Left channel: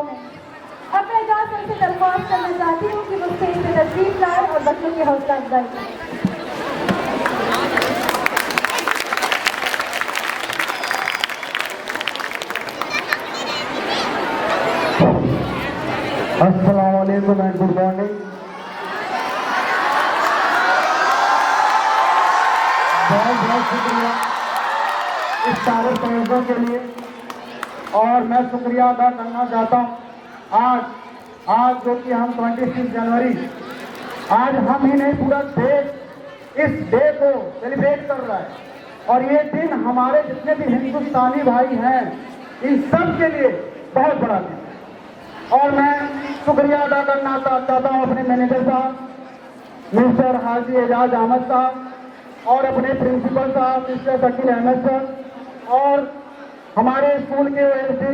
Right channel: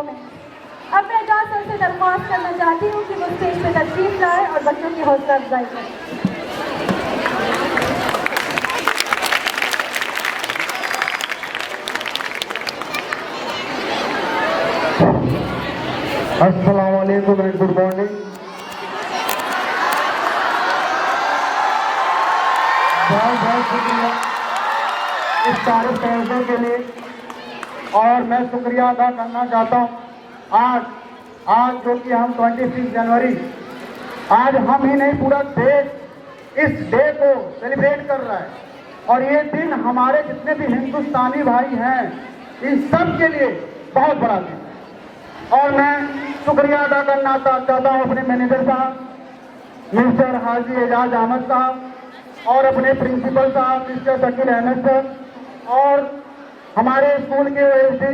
Performance. अब मैं Ejaz sir से दरख्वास्त करना चाहती हूँ कि वो स्टेज पर तशरीफ लाए और बच्चों की हौसला अफजाई करें। अस्सलाम वालेकुम एंड गुड मॉर्निंग। बहुत बहुत शुक्रिया इस सारे तोहफों के लिए। और मैं शुक्रिया अदा करना चाहता हूँ आज जो कि हम 26 जनवरी, आज हम ही नहीं पूरा देश इस डे को सेलिब्रेट कर रहा है। और ये दिन हमारे जितने भी हिंदुस्तानी भाई हैं इन सब के लिए बहुत बड़ा दिन। और मैं शुक्रिया अदा करना चाहता हूँ अपने मैनेजर साहब मिस्टर हाजी एजाज अहमद साहब और अपने प्रिंसिपल साहब मिस्टर शकील अहमद साहब और हमारे स्कूल के ओएसडी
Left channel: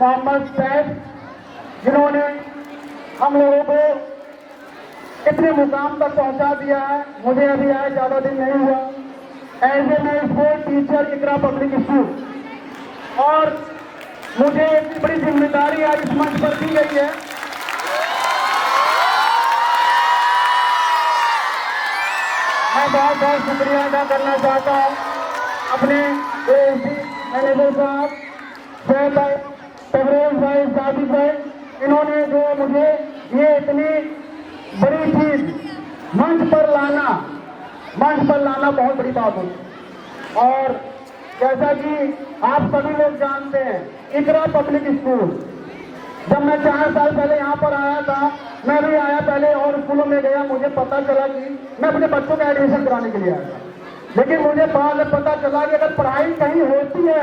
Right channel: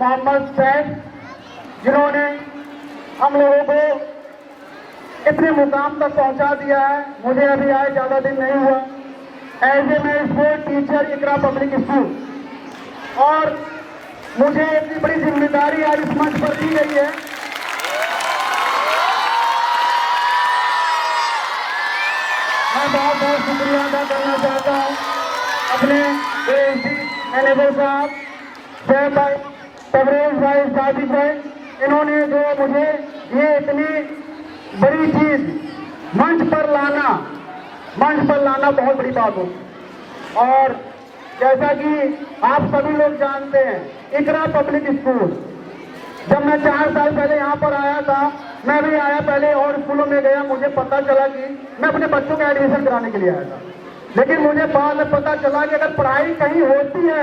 मोहम्मद सैद, जिन्होंने हम लोगों को इतने मुकाम तक पहुंचा दिया है। मुझे अभी आए ज़्यादा दिन नहीं हुआ एज ए मैं स्पोर्ट टीचर इकरा पब्लिक स्कूल, और मुझे इतनी बड़ी जिम्मेदारी आज इस मंच पर दी गई है। मैं बहुत बहुत शुक्रिया अदा करना चाहता हूँ अपने ओएसडी मैनेजर साहब जैद भाई, तबरेज भाई, सादिक भाई, इन्होंने जो मुझे ये इतनी बड़ी चीज मंच पर लाना बहुत बड़ी बात होती। और जैसा कि आप सभी लोग जानते हैं, इकरा पब्लिक स्कूल, जब मैं 4 साल पहले यहाँ पर आया था, मैं भी आया पहले और स्कूलों में गया, मुझे पता चला कि मैं अपने बच्चों का एडमिशन कराने के लिए आया था। लेकिन मुझे बाद में पता चला कि अगर पढ़ाई कहीं होती है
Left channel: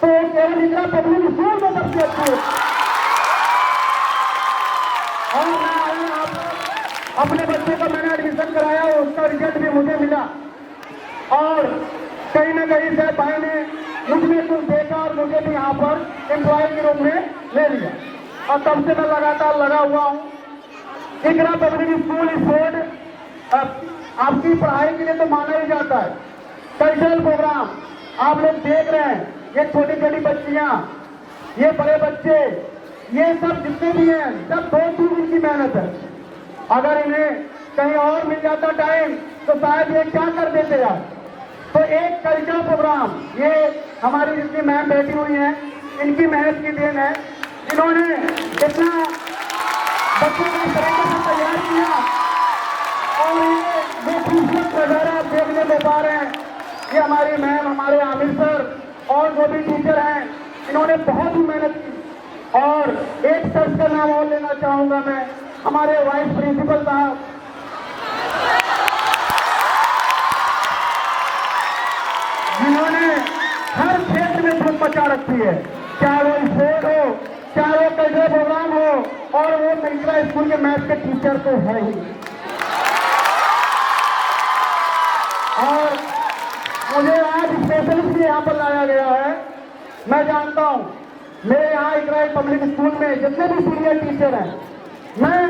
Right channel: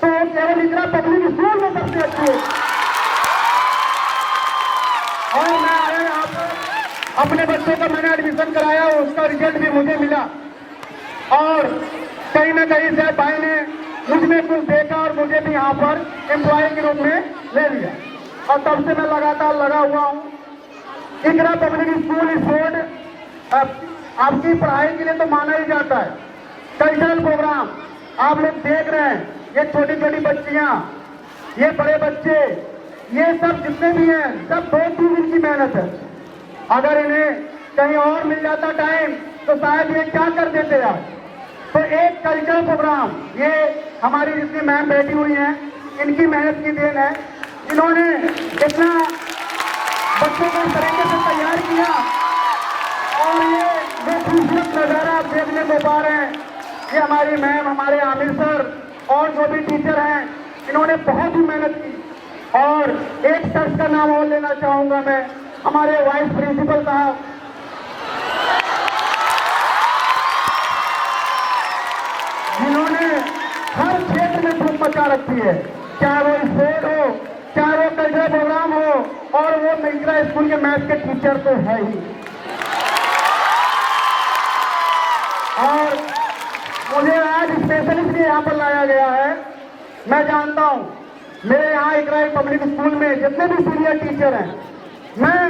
तो केवल इकरा पब्लिक स्कूल में सबसे अच्छी होती। और मैं आया अपने बच्चों का मैंने एडमिशन कराया, उसका रिजल्ट भी मुझे मिला। और कहीं ना कहीं से भाई ने मुझमें कुछ देखा और मुझे भी यहाँ पर एम्प्लॉय के रूप में ले लिया। और तब से मैं लगातार लगा हुआ हूँ। इकरा पब्लिक स्कूल स्पोर्ट आपकी पढ़ाई के लिए तो माना ही जाता है। कल्चरल प्रोग्राम आप लोग देख रहे हैं, ये छोटी छोटी बच्चियाँ, ये बड़े बच्चे, ये सब जितने भी हैं सब 2-3 दिन की मेहनत है। अगर इन्हें कहीं और मिल जाता टाइम तो शायद ये क्या कर देते यार। तो एक कल्चरल प्रोग्राम, ये हमारी जितनी मैम बैठी हुई हैं इनकी मेहनत की देन है, जिन्होंने इतना बच्चों को तरीके से तैयार किया। और ये जो खूबसूरत नजारा आप देखने को पा रहे हैं, ये हमारी मैम, हमारे आमिर सर और जो भी टीचर हैं, इन्होंने बहुत ही मेहनत की। और एक शख्स का नाम और लेना चाहूंगा मैं, हमारे वाइस प्रिंसिपल साहब, जिन्होंने हर क्षेत्र में धूम मचा रखी है, चाहे वो स्पोर्ट हो, चाहे वो कल्चरल प्रोग्राम हो, और वो मिश्रा स्कूल के मैथ के टीचर तो है ही। और मुझे आज स्पेशलिस्ट यहाँ पर लाया गया है। मैं जानता हूँ मेरे यहाँ इकरा पब्लिक स्कूल में जितने भी सीनियर टीचर हैं, मैं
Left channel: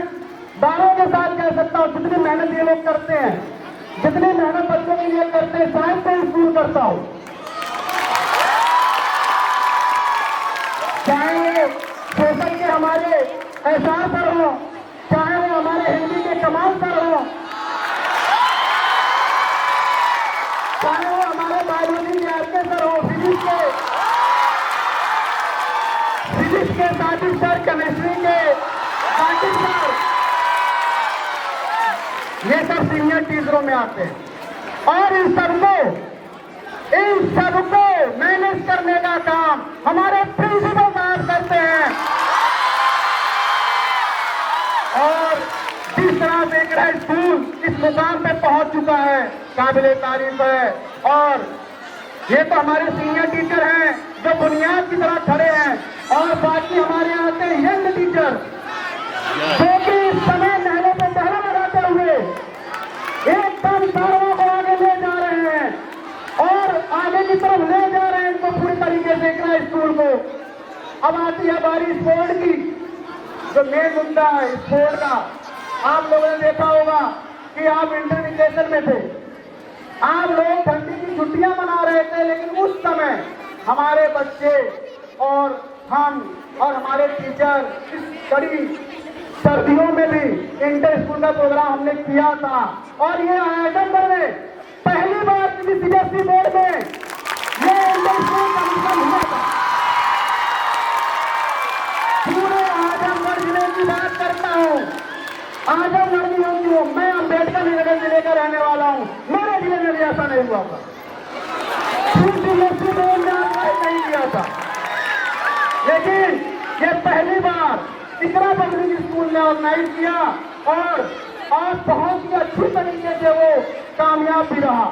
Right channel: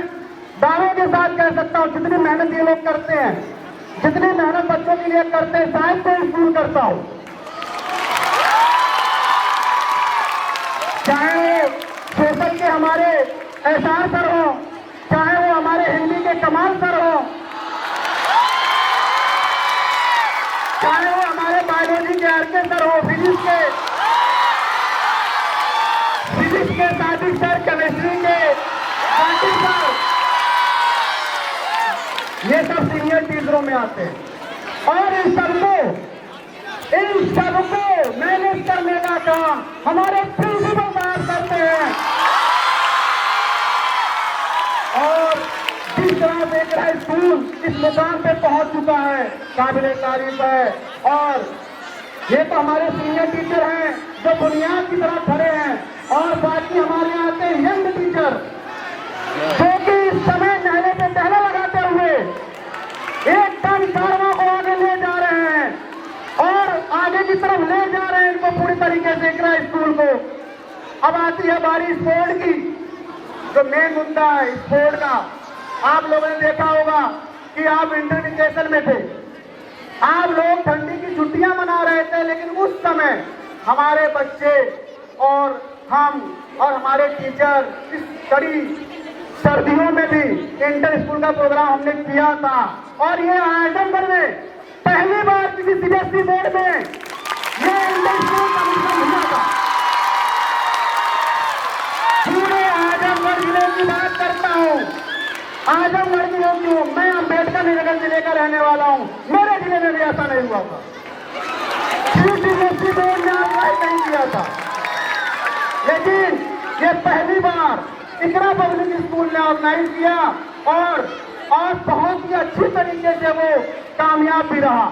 दावे के साथ कह सकता हूँ जितनी मेहनत ये लोग करते हैं, जितनी मेहनत बच्चों के लिए करते हैं, शायद कोई स्कूल करता हो। चाहे वो सोशल के हमारे एहसास सर हो, चाहे वो हमारे हिंदी के कमाल सर हो, चाहे वो हमारे बायोलॉजी के आरके सर हो, फिजिक्स के साजिद सर, केमिस्ट्री के साजिद सर, ये सब सीनियर टीचरों में आते हैं। और इन सबको मैनेज करने का काम हमारे प्रिंसिपल साहब करते हैं। और जिस तरह से इकरा स्कूल इस मुकाम पे पहुंच चुका है, काबिले तारीफ है। और ये तो हमारे सीनियर टीचर हैं जो बुनियाद की तरह खड़े हैं, और बाकी हमारे यहाँ आते हैं यंग टीचर जो कि इस समय नहले पे पहला लगाते हुए एकदम कारवां को आगे ले जा रहे हैं और आगे की तरफ ले जा रहे हैं इनको पूरी तरीके से इकरा स्कूल को। अब आती है बारी स्पोर्ट की, जो मेन मुद्दा है स्पोर्ट का। आप लोगों ने देखा होगा कि आप इंटर वेकेशन में थे, आप लोग ठंडी की छुट्टियां मना रहे थे, लेकिन उस समय हमारे बच्चे और हम और हमारे टीचर इस कड़ी सर्दियों में भी इंटर स्कूल का प्रोग्राम हमने किया था। और ये आजमगढ़ में पहली बार किसी सीबीएसई बोर्ड में ये इंटर स्कूल का फंक्शन हुआ था। पूरे आजमगढ़ जिले की बात करता हूँ, आजमगढ़ की होती हूँ मैं, अम्बेडकर नगर जिले का रहने वाला हूँ, मेरे जिले में भी ऐसा नहीं हुआ था। सीबीएसई बोर्ड ने ऑर्गेनाइज नहीं किया था, लेकिन ये पहली बार इकरा पब्लिक स्कूल ने ऑर्गेनाइज किया और बहुत ही अच्छी तरीके से वो कामयाब भी रहा।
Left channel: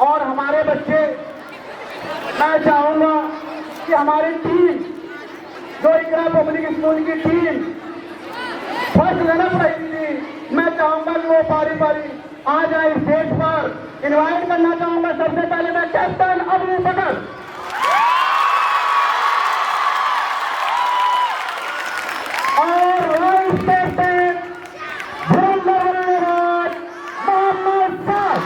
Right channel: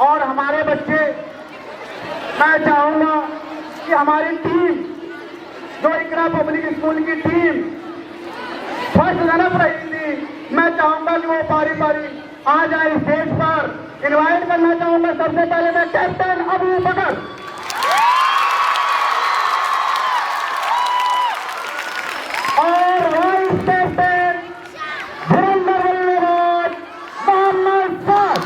और हमारे बच्चे, मैं चाहूंगा कि हमारी टीम, जो इकरा पब्लिक स्कूल की टीम फर्स्ट रनअप रही थी, मैं चाहूंगा कि वो बारी बारी आ जाए स्टेज पर। इनवाइट करना चाहूंगा सबसे पहले मैं कैप्टन अबू बकर, और वाइस कैप्टन मोहम्मद साद।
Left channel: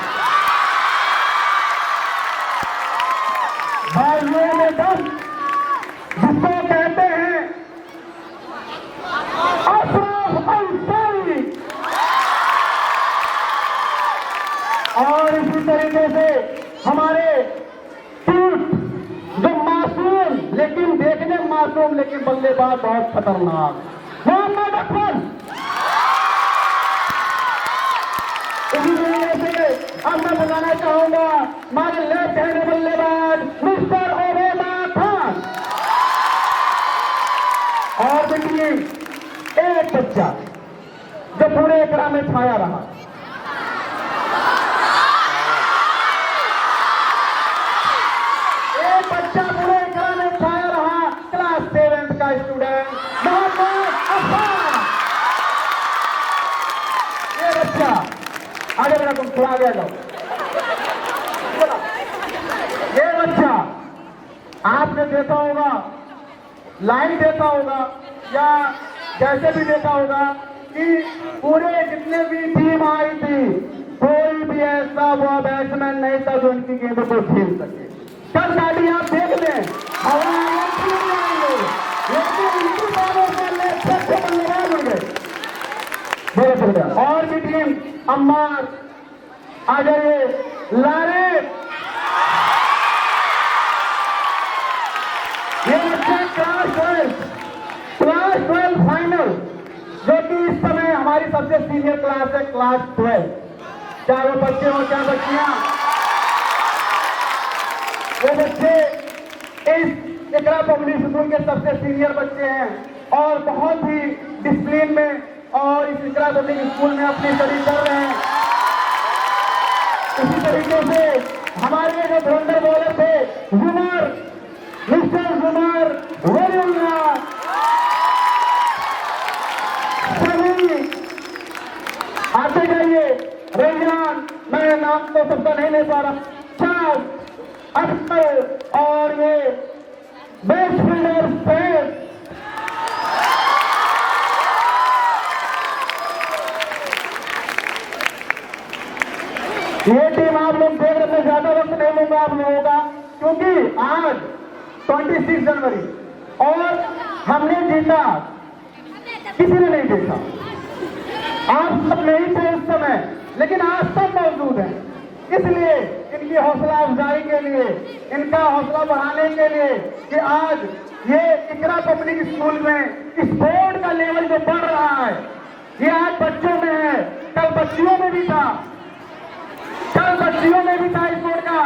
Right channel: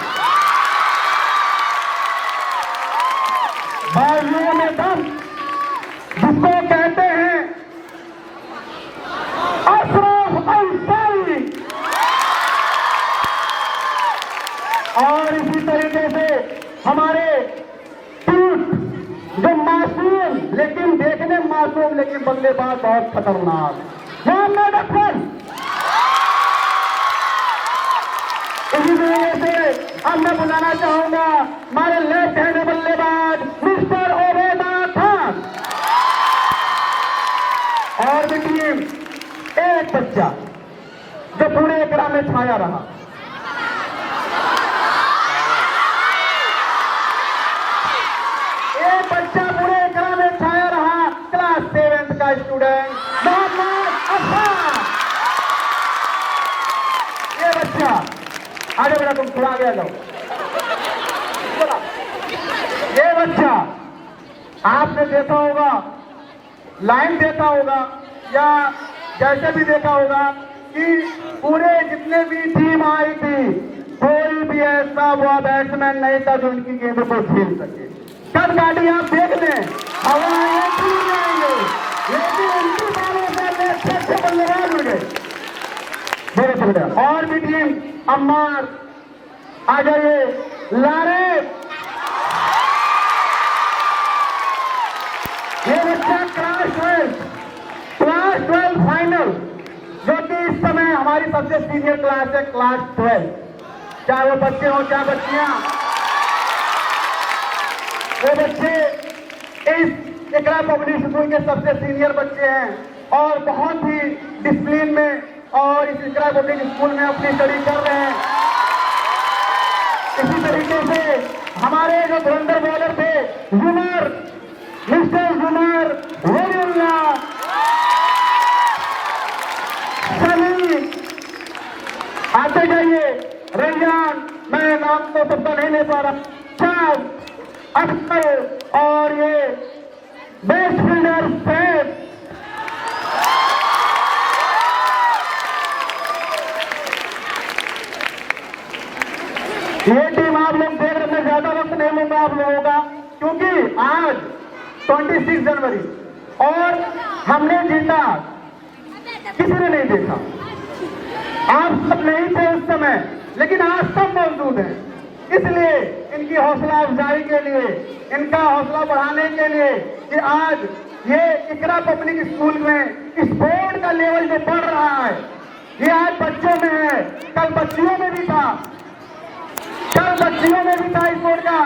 बाजुओं में दम जिसको कहते हैं अशरफ अंसारी। और इसी तरीके से हमारे टूट जो मासूम, लेकिन देखने में मासूम लेकिन बल्लेबाज बहुत खतरनाक, मोहम्मद अफजल। इसी तरीके से अब मैं बुलाना चाहूंगा हमारे लेफ्ट हैंड बल्लेबाज मिस्टर ओबेदा खान। और देखिए एक बच्चा जो पूरे इकरा में छाया रहा, एक बच्चा पूरे इकरा में छाया रहा, क्लास 7 का स्टूडेंट मोहम्मद अफजल। ये बच्चा आगे बढ़ा, तुम थोड़ा आगे आ जाओ। ये बच्चा आपने देखा होगा, लाइन देखा होगा या जैसे भी देखा होगा कि पूरे जितने भी टीम आई थी, कोई भी ऐसा वो बैट्समैन नहीं था जो उनकी गेंद को झेल सके। कल गाड़ी आप देख लें, हवा जाएंगे, लेकिन उनकी बालों से अच्छे बल्लेबाज हो गए। और भी टीम अम्मार आ जाइए, लारे, ये बच्चा क्लास 12 फाइनल, जो कि इस समय हमारी सबसे सीनियर क्लास है, क्लास 12। चाहे वो बच्चे हो चाहे बच्चियां, वो बच्चे इस इकरा पब्लिक स्कूल के सबसे सीनियर बच्चे हैं और बहुत ही डिसिप्लिन में और इस इकरा पब्लिक स्कूल में अपनी स्टडी कर रहे हैं। इसी तरीके से हमारे जो धुरंधर बॉलर थे जुमर, मिस्टर जुमर वलीउल्लाह, सनी, आते जाइए, रैयान, मैं नाम तो सबका नहीं ले पा रहा, चार अख्तर, और ये बेस्ट फील्डर सैफ। ये टीम आप लोग देख रहे हैं, ज्यादा वक्त नहीं लूंगा आप लोगों का, क्योंकि आज 26 जनवरी और हमने जीता, किसी ने नहीं देखा, आप सब नहीं थे उस समय, लेकिन आज सब मौजूद हैं। इसलिए इनकी हौसला अफजाई के लिए, इनका हौसला बढ़ाने के लिए कि आज ये इकरा पब्लिक स्कूल में इस बोर्ड का लेवल जो बढ़ रहा है, ये आज बच्चों में है, कल बच्चियों में भी था, कल बच्चियों में भी था इस बोर्ड का।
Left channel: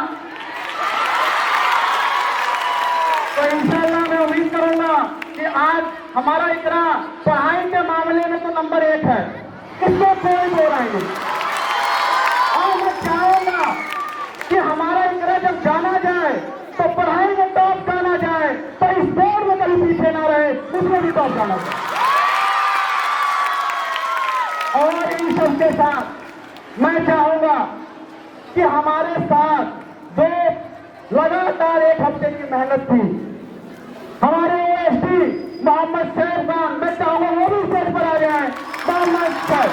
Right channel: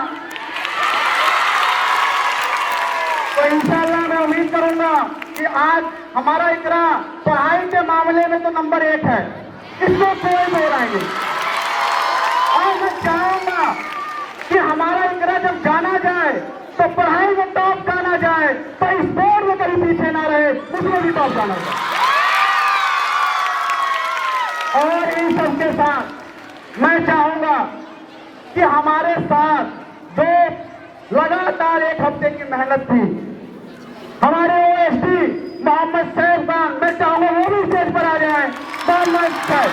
तो इंशाअल्लाह मैं उम्मीद करूंगा कि आज हमारा इकरा पढ़ाई के मामले में तो नंबर 1 है, इसमें कोई दो राय नहीं। और मैं चाहूंगा कि हमारा इकरा जब जाना जाए तो पढ़ाई में टॉप जाना जाए, तो इस बोर्ड में कहीं पीछे ना रहे, उसमें भी टॉप जाना जाए। और इन सबके साथ मैं चाहूंगा कि हमारे साथ जो लगातार 1 हफ्ते की मेहनत थी, हमारे ओएसडी मोहम्मद सैफ खान, मैं चाहूंगा वो भी स्टेज पर आ जाए। मोहम्मद सैफ,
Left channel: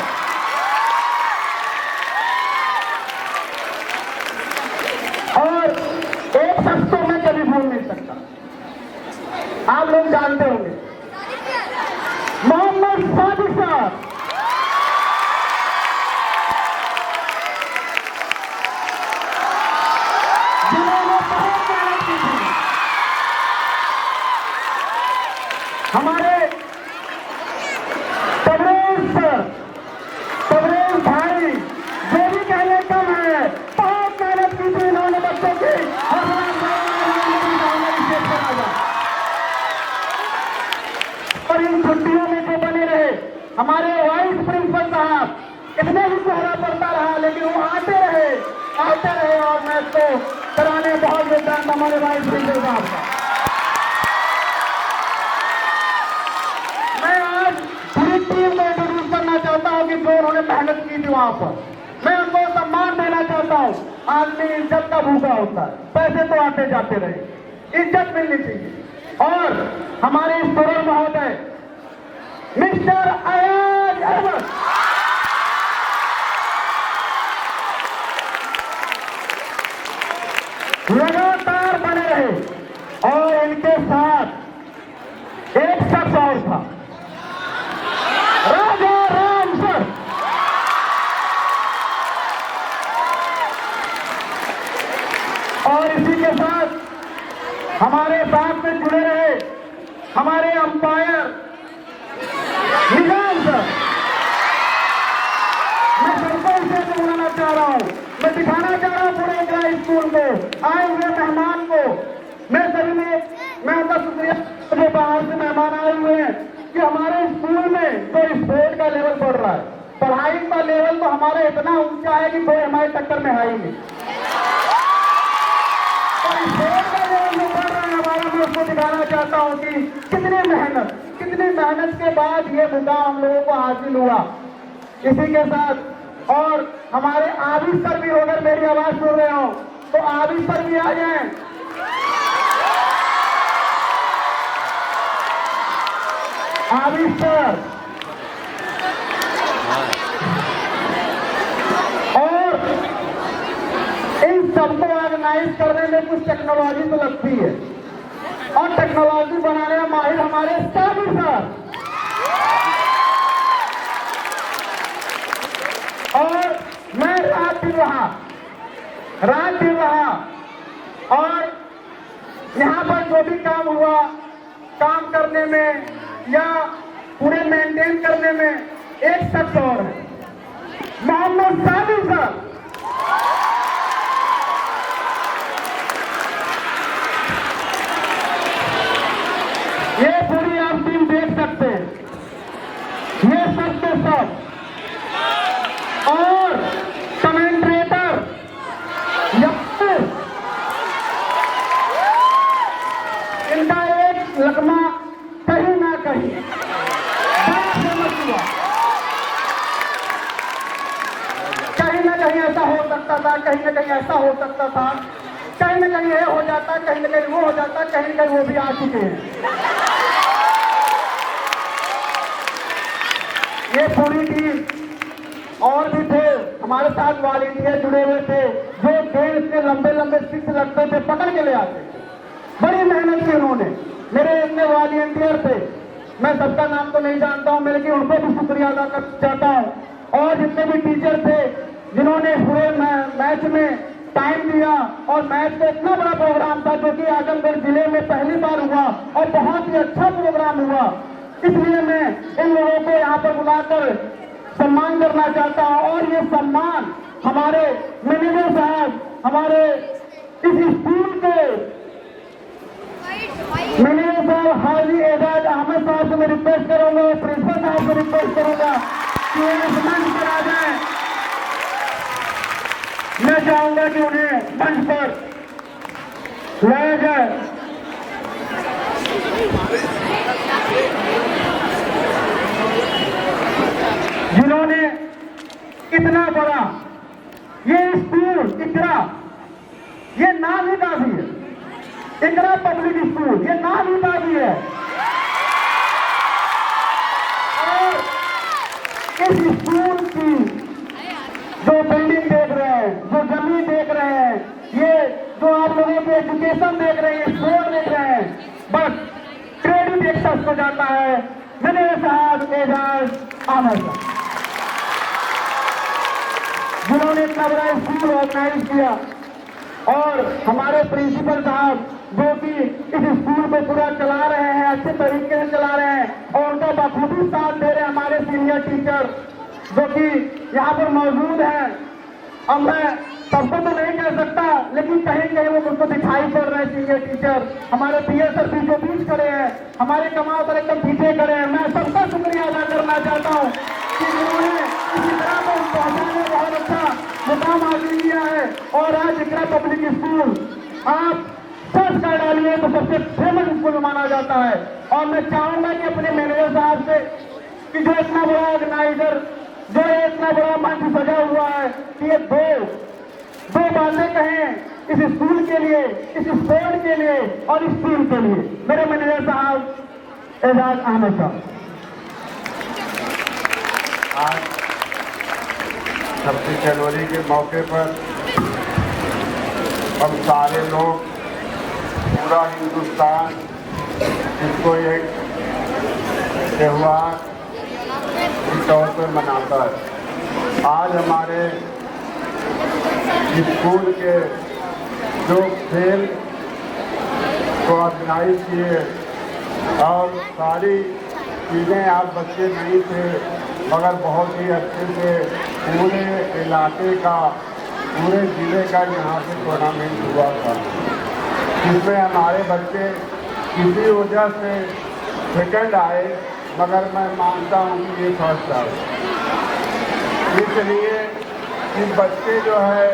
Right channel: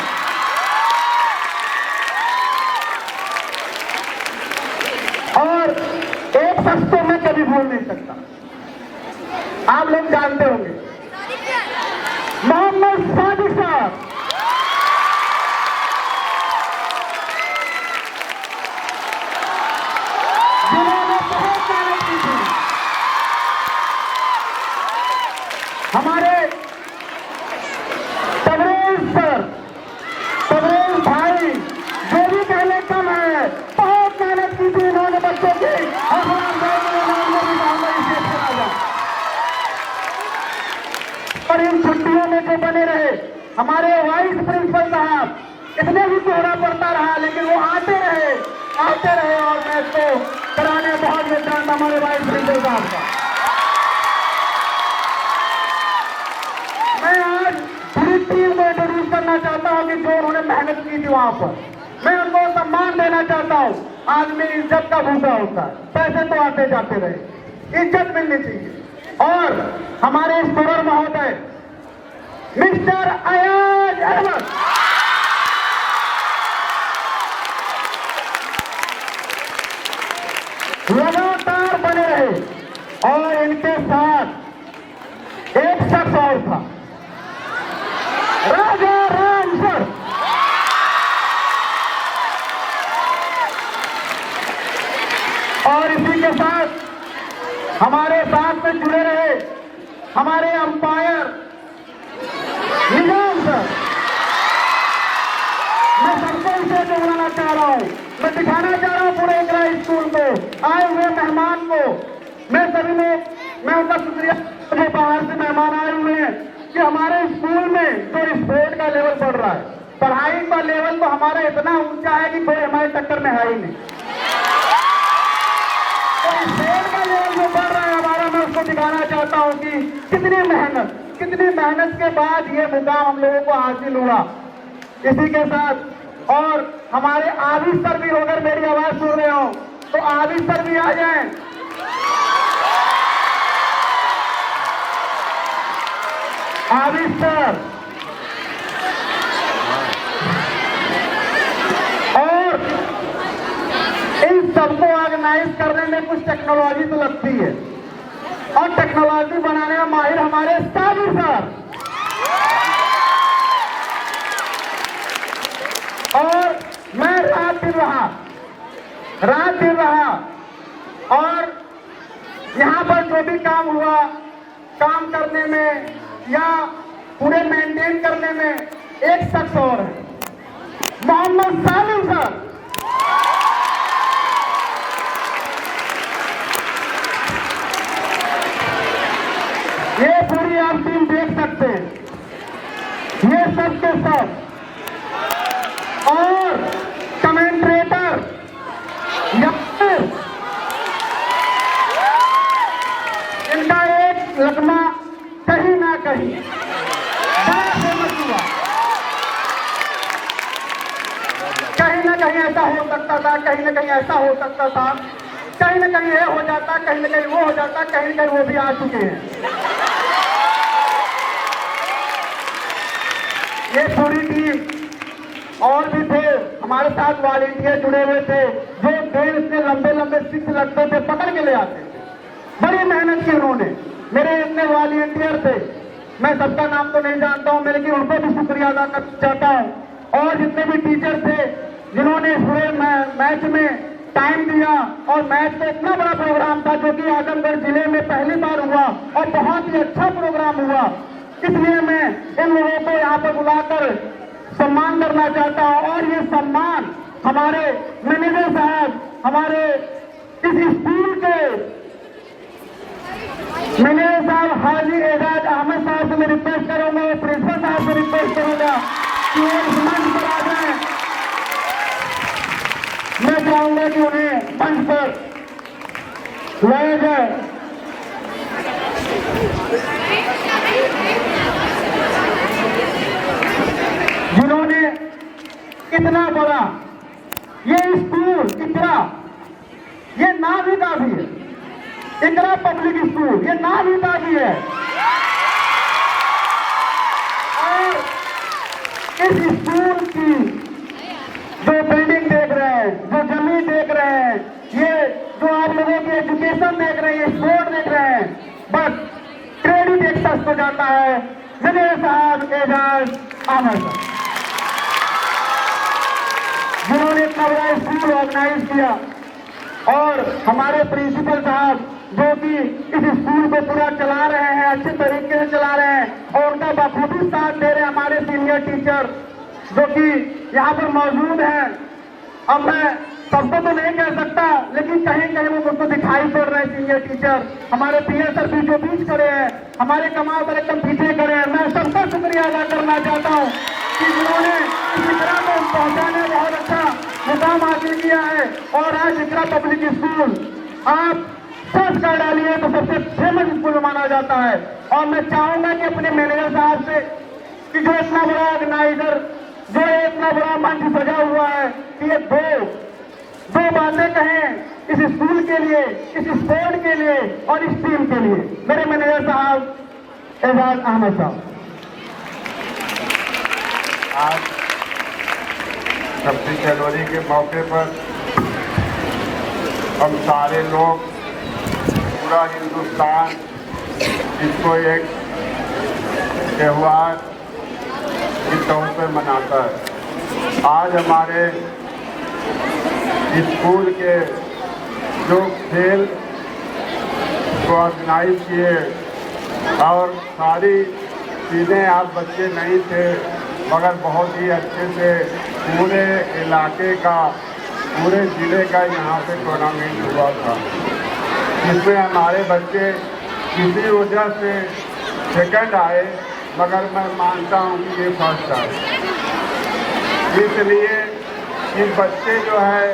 और एक शख्स तो मैं कभी भूल नहीं सकता, आप लोग जानते होंगे, मोहम्मद सादिक साहब। जिन्होंने बहुत मेहनत की थी। हमारे तबरेज सर, तबरेज भाई, जो भी कहने कम है, बहुत मेहनत की थी इन्होंने बच्चों की। और इन छुट्टियों में जो बने रहे हमारे वाइस प्रिंसिपल साहब, इतने भी कोहरा पड़ता रहा लेकिन वो आते रहे और मैच को कराने बहुत योगदान हमारे वाइस प्रिंसिपल साहब का। मैं आज पूरी टीम को इंट्रोड्यूस करना चाहता हूं कि जो उन्होंने मेहनत की थी वहां पर, मैं उनको सम्मान देना चाहता हूं। आदमी इज्जत का भूखा होता है, पैसे तो आते जाते रहे, इज्जत मिलनी चाहिए। और हमारे स्कोरर महोदय मिस्टर अयाज अहमद, लगातार बने रहे। और इनके साथ एक शख्स और था, राजा राम सर। और इसी के साथ हमारे साथ में जुड़े रहे हमारे अंपायर निजाम सर। मैं सबको इसे बुलाना चाह रहा हूं, मैं दिखाना चाह रहा हूं पूरे इकरा स्कूल को, आए हुए मेहमान को। मैं सभी मैं उनका शुक्रिया, मुझे बाहर से मेहमान आए हुए हैं कि हमारे स्कूल में जो स्पोर्ट का लेवल बढ़ रहा है, पढ़ाई का लेवल तो हमारा इतना ऊंचा है कि कोई हमारे टक्कर में है ही नहीं। और स्पोर्ट का लेवल जो बढ़ रहा है हमारा, मैं उसको दिखाना चाहता हूं कि कितनी मेहनत के बाद ये मुकाम हम लोगों को हासिल हुआ। इसी के साथ और हमारे आबिद सर भी, अगर मेरी आवाज सुन रहे हो तो आबिद सर भी आ जाएं। आबिद सर, और इन सबको ऑर्गेनाइज करने में कुछ टेक्नोलॉजी तो लगती है, और टेक्नोलॉजी बनाने में माहिर हमारे साबिर सर। और मैं रात दिन रहा और यहाँ पर जो भी काम हुआ, काम करने में या पूरे मेंटेन करने में एक शख्स और है, मोहम्मद सादिक सर। ये पूरी आप टीम देख सकते हैं, ये सब के सब। और कमेंट्रेटर इनका एक लगना कहीं ना कहीं बड़ा फेमस हुआ। कहीं ना कहीं ऐसा हो सकता था, कहीं ना कहीं ऐसा हो सकता था, कहीं ना कहीं ये हो जाता, कहीं ना कहीं वो हो जाता, कहीं ना कहीं वो भी आ चुके हैं। ये पूरी टीम और भी थे हमारे साथ, वॉलंटियर जुड़े हुए थे, जो गेम इतने लंबे लंबे सिक्स लगते थे पकड़ के ले आते थे। बड़ी मेहनत की उन्होंने, मेरे इतने वॉलंटियर थे, मैं सबका नाम तो नहीं जानता हूं, मैं लेकिन उनको भी शुक्रिया अदा करना चाहता हूं। और जितने भी टीचर थे जिन्होंने पूरे मैच में टाइम दिया, और मैच का इतना बड़ा प्रोग्राम था जो कि आजमगढ़ जिले में पहली बार हुआ और बहुत ही अच्छा प्रोग्राम हुआ, इसलिए मैं इन लोगों को यहाँ पर बुलाकर सम्मान करना चाहता हूं। और ये सम्मान हमारे मैनेजर साहब, हमारे इस स्कूल के मैनेजर साहब हाजी एजाज अहमद साहब से मैं रिक्वेस्ट करूंगा, प्रिंसिपल साहब से रिक्वेस्ट करूंगा कि वो इस मंच पर आ जाए। मैं चाहूंगा कि उन्हें मंच पर लाया जाए। जिन्होंने इतना बड़ा ये स्कूल, ये नाम ही काफी है, इकरा पब्लिक स्कूल, ये नाम ही काफी है। और इस स्कूल की जो बिल्डिंग देख रहे हैं, जो जमीन देख रहे हैं, ये जो आप लोगों की एजुकेशन देख रहे हैं, को जाता है मेरे साहब एजाज अहमद साहब, जिन्होंने इतना बड़ा स्कूल ऑर्गेनाइज किया, और हमारे प्रिंसिपल साहब जो कि इस स्कूल को पूरा चला रहे हैं, अच्छे तरीके से चला रहे हैं, और उनका बखूबी साथ दे रहे हैं हमारे सीनियर टीचर जो कि यहाँ पर मौजूद हैं। अब मैं सबको तो नहीं कह सकता, लेकिन कहीं कहीं वो मुझको दिखाई पड़ रहे हैं सीनियर टीचर। हमारे पीए सर बीचों बीच खड़े हैं, हमारे कमाल पर एकदम पीछे खड़े हैं। मैं सबका शुक्रिया अदा करना चाहता हूँ कि जिन्होंने इसी तरह को पहुँचाने बहुत अच्छा मुकाम हासिल किया है। और आज इतना पब्लिक स्कूल आप सर्च कर डालिए तो सबसे फेमस स्कूल माना जाता है। और मैं चाहूंगा कि अपने मैनेजर साहब से कि जो इतना बड़ा ऑर्गेनाइजर, जो इतना बड़ा मंच सजा हुआ है, कि ये दो बातें कहें इस स्कूल के लिए, इस स्पोर्ट के लिए और इस टीम के लिए। मेरे मैनेजर साहब एजाज अहमद साहब। आज 26 जनवरी के मौके पर हम सारे लोग, पूरा हिंदुस्तान इसको एक त्यौहार के तौर पर मनाता है। आज हमारे स्कूल के जो खेल को ऑर्गेनाइज किए, और सारी चीज़ें आप बच्चे नहीं थे मगर बहुत ही अच्छे से पूरे इलाके का, पूरे ज़िले का यहाँ पे टूर्नामेंट हुआ था, जिसमें हमारे बच्चे किसी वजह से सेकंड आए, मगर मैं मानता हूँ कि ये फर्स्ट आए। इसलिए ये बच्चे जो है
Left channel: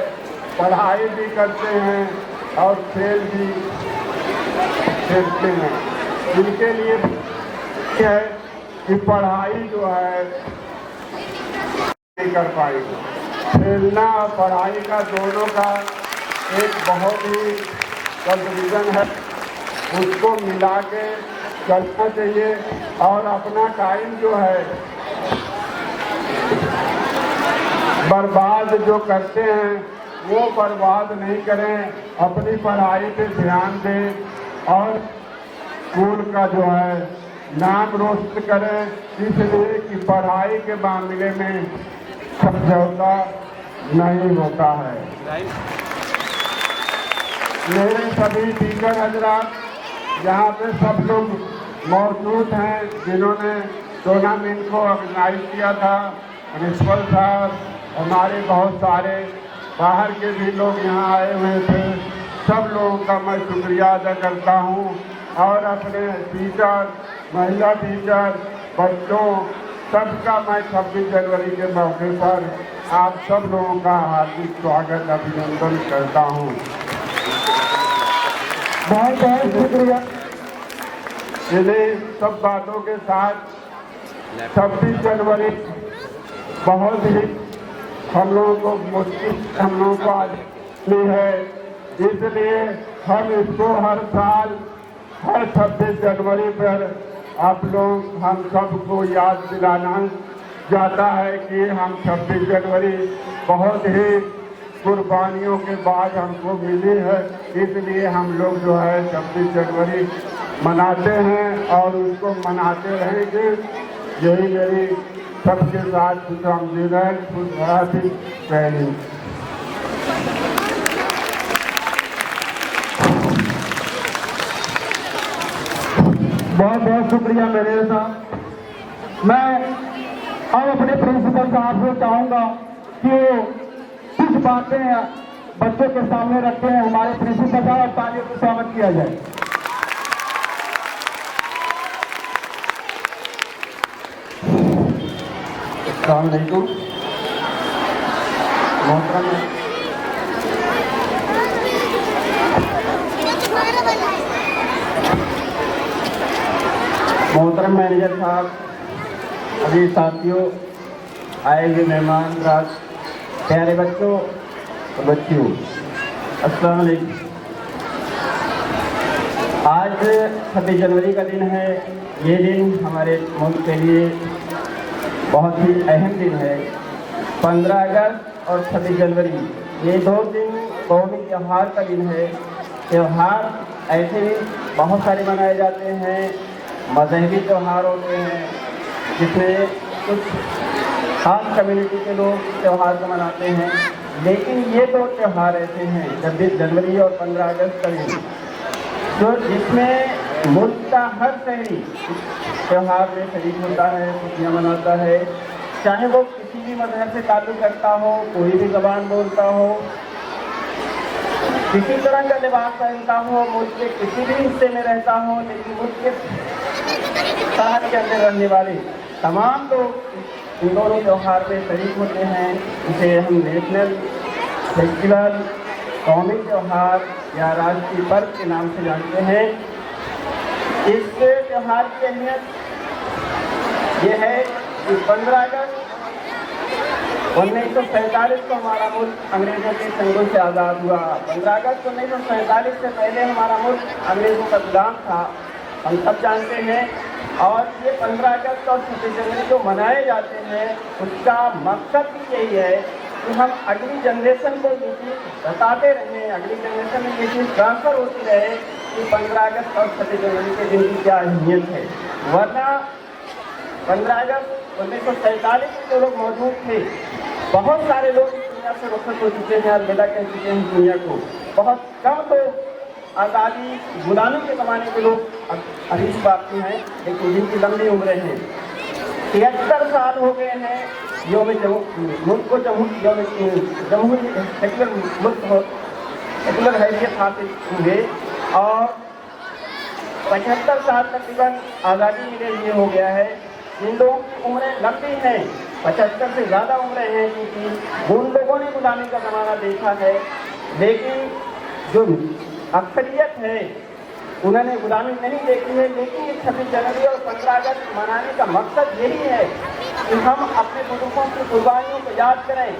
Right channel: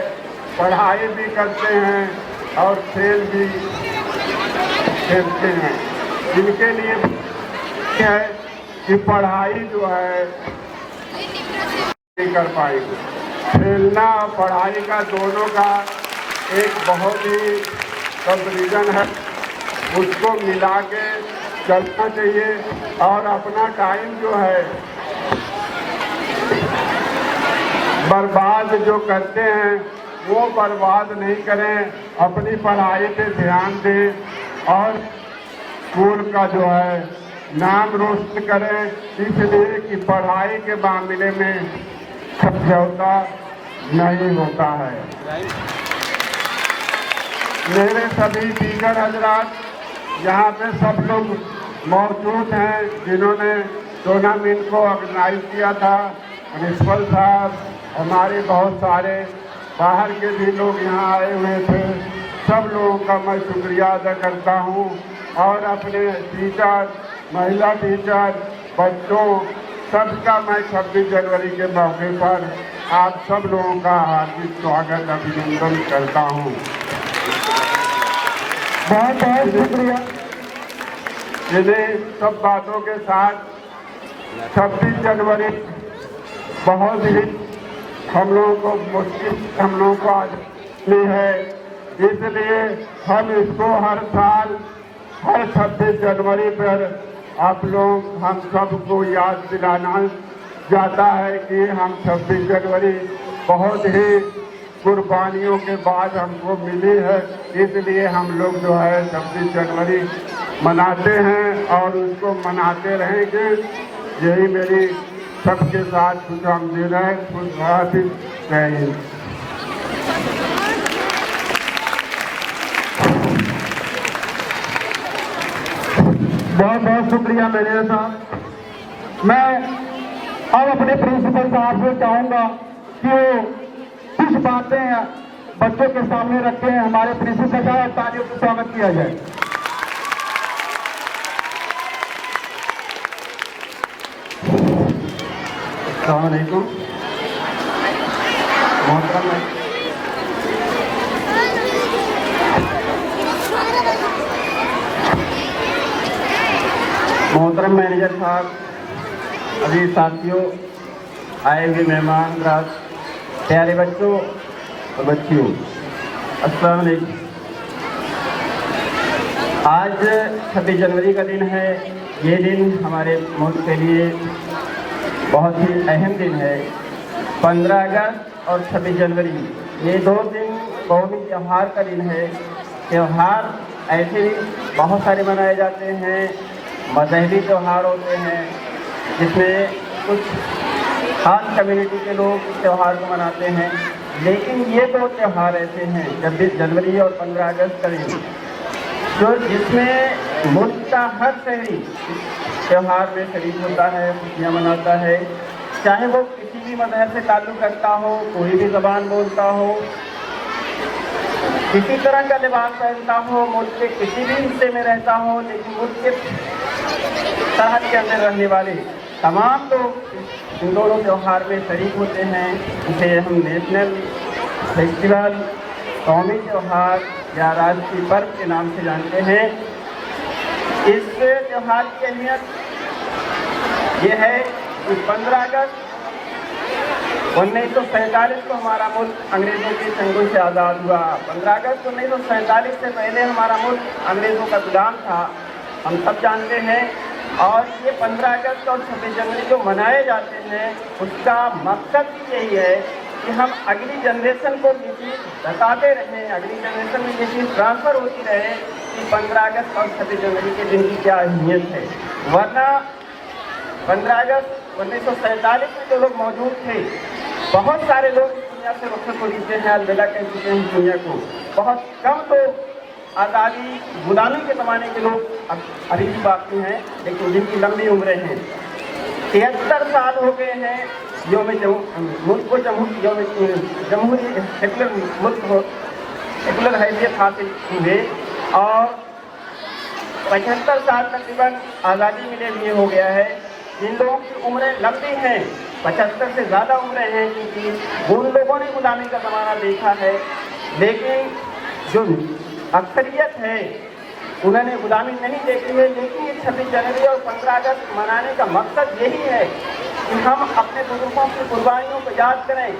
पढ़ाई भी करते हैं और खेल भी खेलते हैं। इनके लिए है कि पढ़ाई जो है नहीं कर पाएगी। खेलना और पढ़ाई का दोनों का एक बहुत ही कंपैरिजन है, उसको मिला के चलना चाहिए। और अपना टाइम जो है बर्बाद जो करते हैं वो बर्बाद नहीं करें, अपनी पढ़ाई पे ध्यान दें और स्कूल का जो है नाम रोशन करें। इसलिए कि पढ़ाई के मामले में समझौता नहीं होता है। मेरे सभी टीचर हजरात यहाँ पे सब लोग मौजूद हैं जिन्होंने टूर्नामेंट को ऑर्गेनाइज किया था। प्रिंसिपल साहब, हमारे बहुत सारे बाहर के भी लोग यहाँ आए हुए थे, सब लोगों का मैं शुक्रिया अदा करता हूँ। और अपने टीचर, महिला टीचर, बच्चों सबका मैं 26 जनवरी के मौके पर आप सब लोगों का हार्दिक स्वागत, अभिनंदन करता हूँ। बहुत बहुत शुक्रिया। इन्हीं सब बातों के साथ 26 जनवरी बहुत ही हम लोगों को मुश्किल, हम लोगों को आज नहीं है, इसलिए हम इसको हर साल हर 26 जनवरी पर आप लोग हम सबको याद दिलाना जाता है कि हम 26 जनवरी बहुत ही कुर्बानियों के बाद हमको मिली है। इसलिए हम लोग जो है 26 जनवरी मनाते हैं और उसको मनाते रहेंगे। यही मेरी सबके साथ खुशामदीद है। खुश हाफिज़, जय हिंद। बहुत बहुत शुक्रिया मैनेजर साहब। मैं अब अपने प्रिंसिपल साहब से चाहूँगा कि वो कुछ बातें बच्चों के सामने रखते हैं। हमारे प्रिंसिपल साहब, तालियों से स्वागत किया जाए। अस्सलाम वालेकुम। मोहतरम मैनेजर साहब, अभी साथियों, आए हुए मेहमान राज, प्यारे बच्चों और बच्चियों, अस्सलाम वालेकुम। आज 26 जनवरी का दिन है। ये दिन हमारे मुल्क के लिए बहुत ही अहम दिन है। 15 अगस्त और 26 जनवरी, ये दो दिन कौमी त्यौहार का दिन है। त्यौहार ऐसे बहुत सारे मनाए जाते हैं, मजहबी त्यौहार होते हैं जिसमें कुछ खास कम्युनिटी के लोग इस त्यौहार को मनाते हैं। लेकिन ये दो त्यौहार ऐसे हैं 26 जनवरी और 15 अगस्त का दिन, जो जिसमें मुल्क का हर शहरी इस त्यौहार में शरीक होता है, खुशियाँ मनाता है, चाहे वो किसी भी मजहब से ताल्लुक़ करता हो, कोई भी ज़बान बोलता हो, किसी तरह का लिबास पहनता हो, मुल्क के किसी भी हिस्से में रहता हो, लेकिन मुल्क के सरहद के अंदर रहने वाले तमाम लोग इन दोनों त्यौहार में शरीक होते हैं। इसे हम नेशनल फेस्टिवल, कौमी त्यौहार या राष्ट्रीय पर्व के नाम से जानते हैं। इस त्यौहार की अहमियत ये है कि 15 अगस्त 1947 को हमारा मुल्क अंग्रेज़ों के चंगुल से आज़ाद हुआ। 15 अगस्त 1947 से पहले हमारा मुल्क अंग्रेज़ों का गुलाम था, हम सब जानते हैं। और ये 15 अगस्त और 26 जनवरी जो मनाए जाते हैं, उसका मकसद भी यही है कि हम अगली जनरेशन को ये चीज़ बताते रहें, अगली जनरेशन में ये चीज़ ट्रांसफ़र होती रहे कि 15 अगस्त और 26 जनवरी के दिन की क्या अहमियत है। वरना 15 अगस्त 1947 में जो लोग मौजूद थे, बहुत सारे लोग इस दुनिया से रुखसत हो चुके हैं, अलविदा कह चुके हैं दुनिया को। बहुत कम लोग आज़ादी गुलामी के ज़माने के लोग अभी बाकी हैं, लेकिन जिनकी लंबी उम्रें हैं। 73 साल हो गए हैं मुल्क को जमहूरी सेकुलर मुल्क हो, सेकुलर हैसियत हासिल हुए, और 75 साल तकरीबन आज़ादी मिले लिए हो गया है। जिन लोगों की उम्रें लंबी हैं, 75 से ज़्यादा उम्रें हैं, क्योंकि उन लोगों ने गुलामी का ज़माना देखा है, लेकिन जो अक्सरियत है उन्होंने गुलामी नहीं देखी है। लेकिन ये 26 जनवरी और 15 अगस्त मनाने का मकसद यही है कि हम अपने बुजुर्गों की कुर्बानियों को याद करें।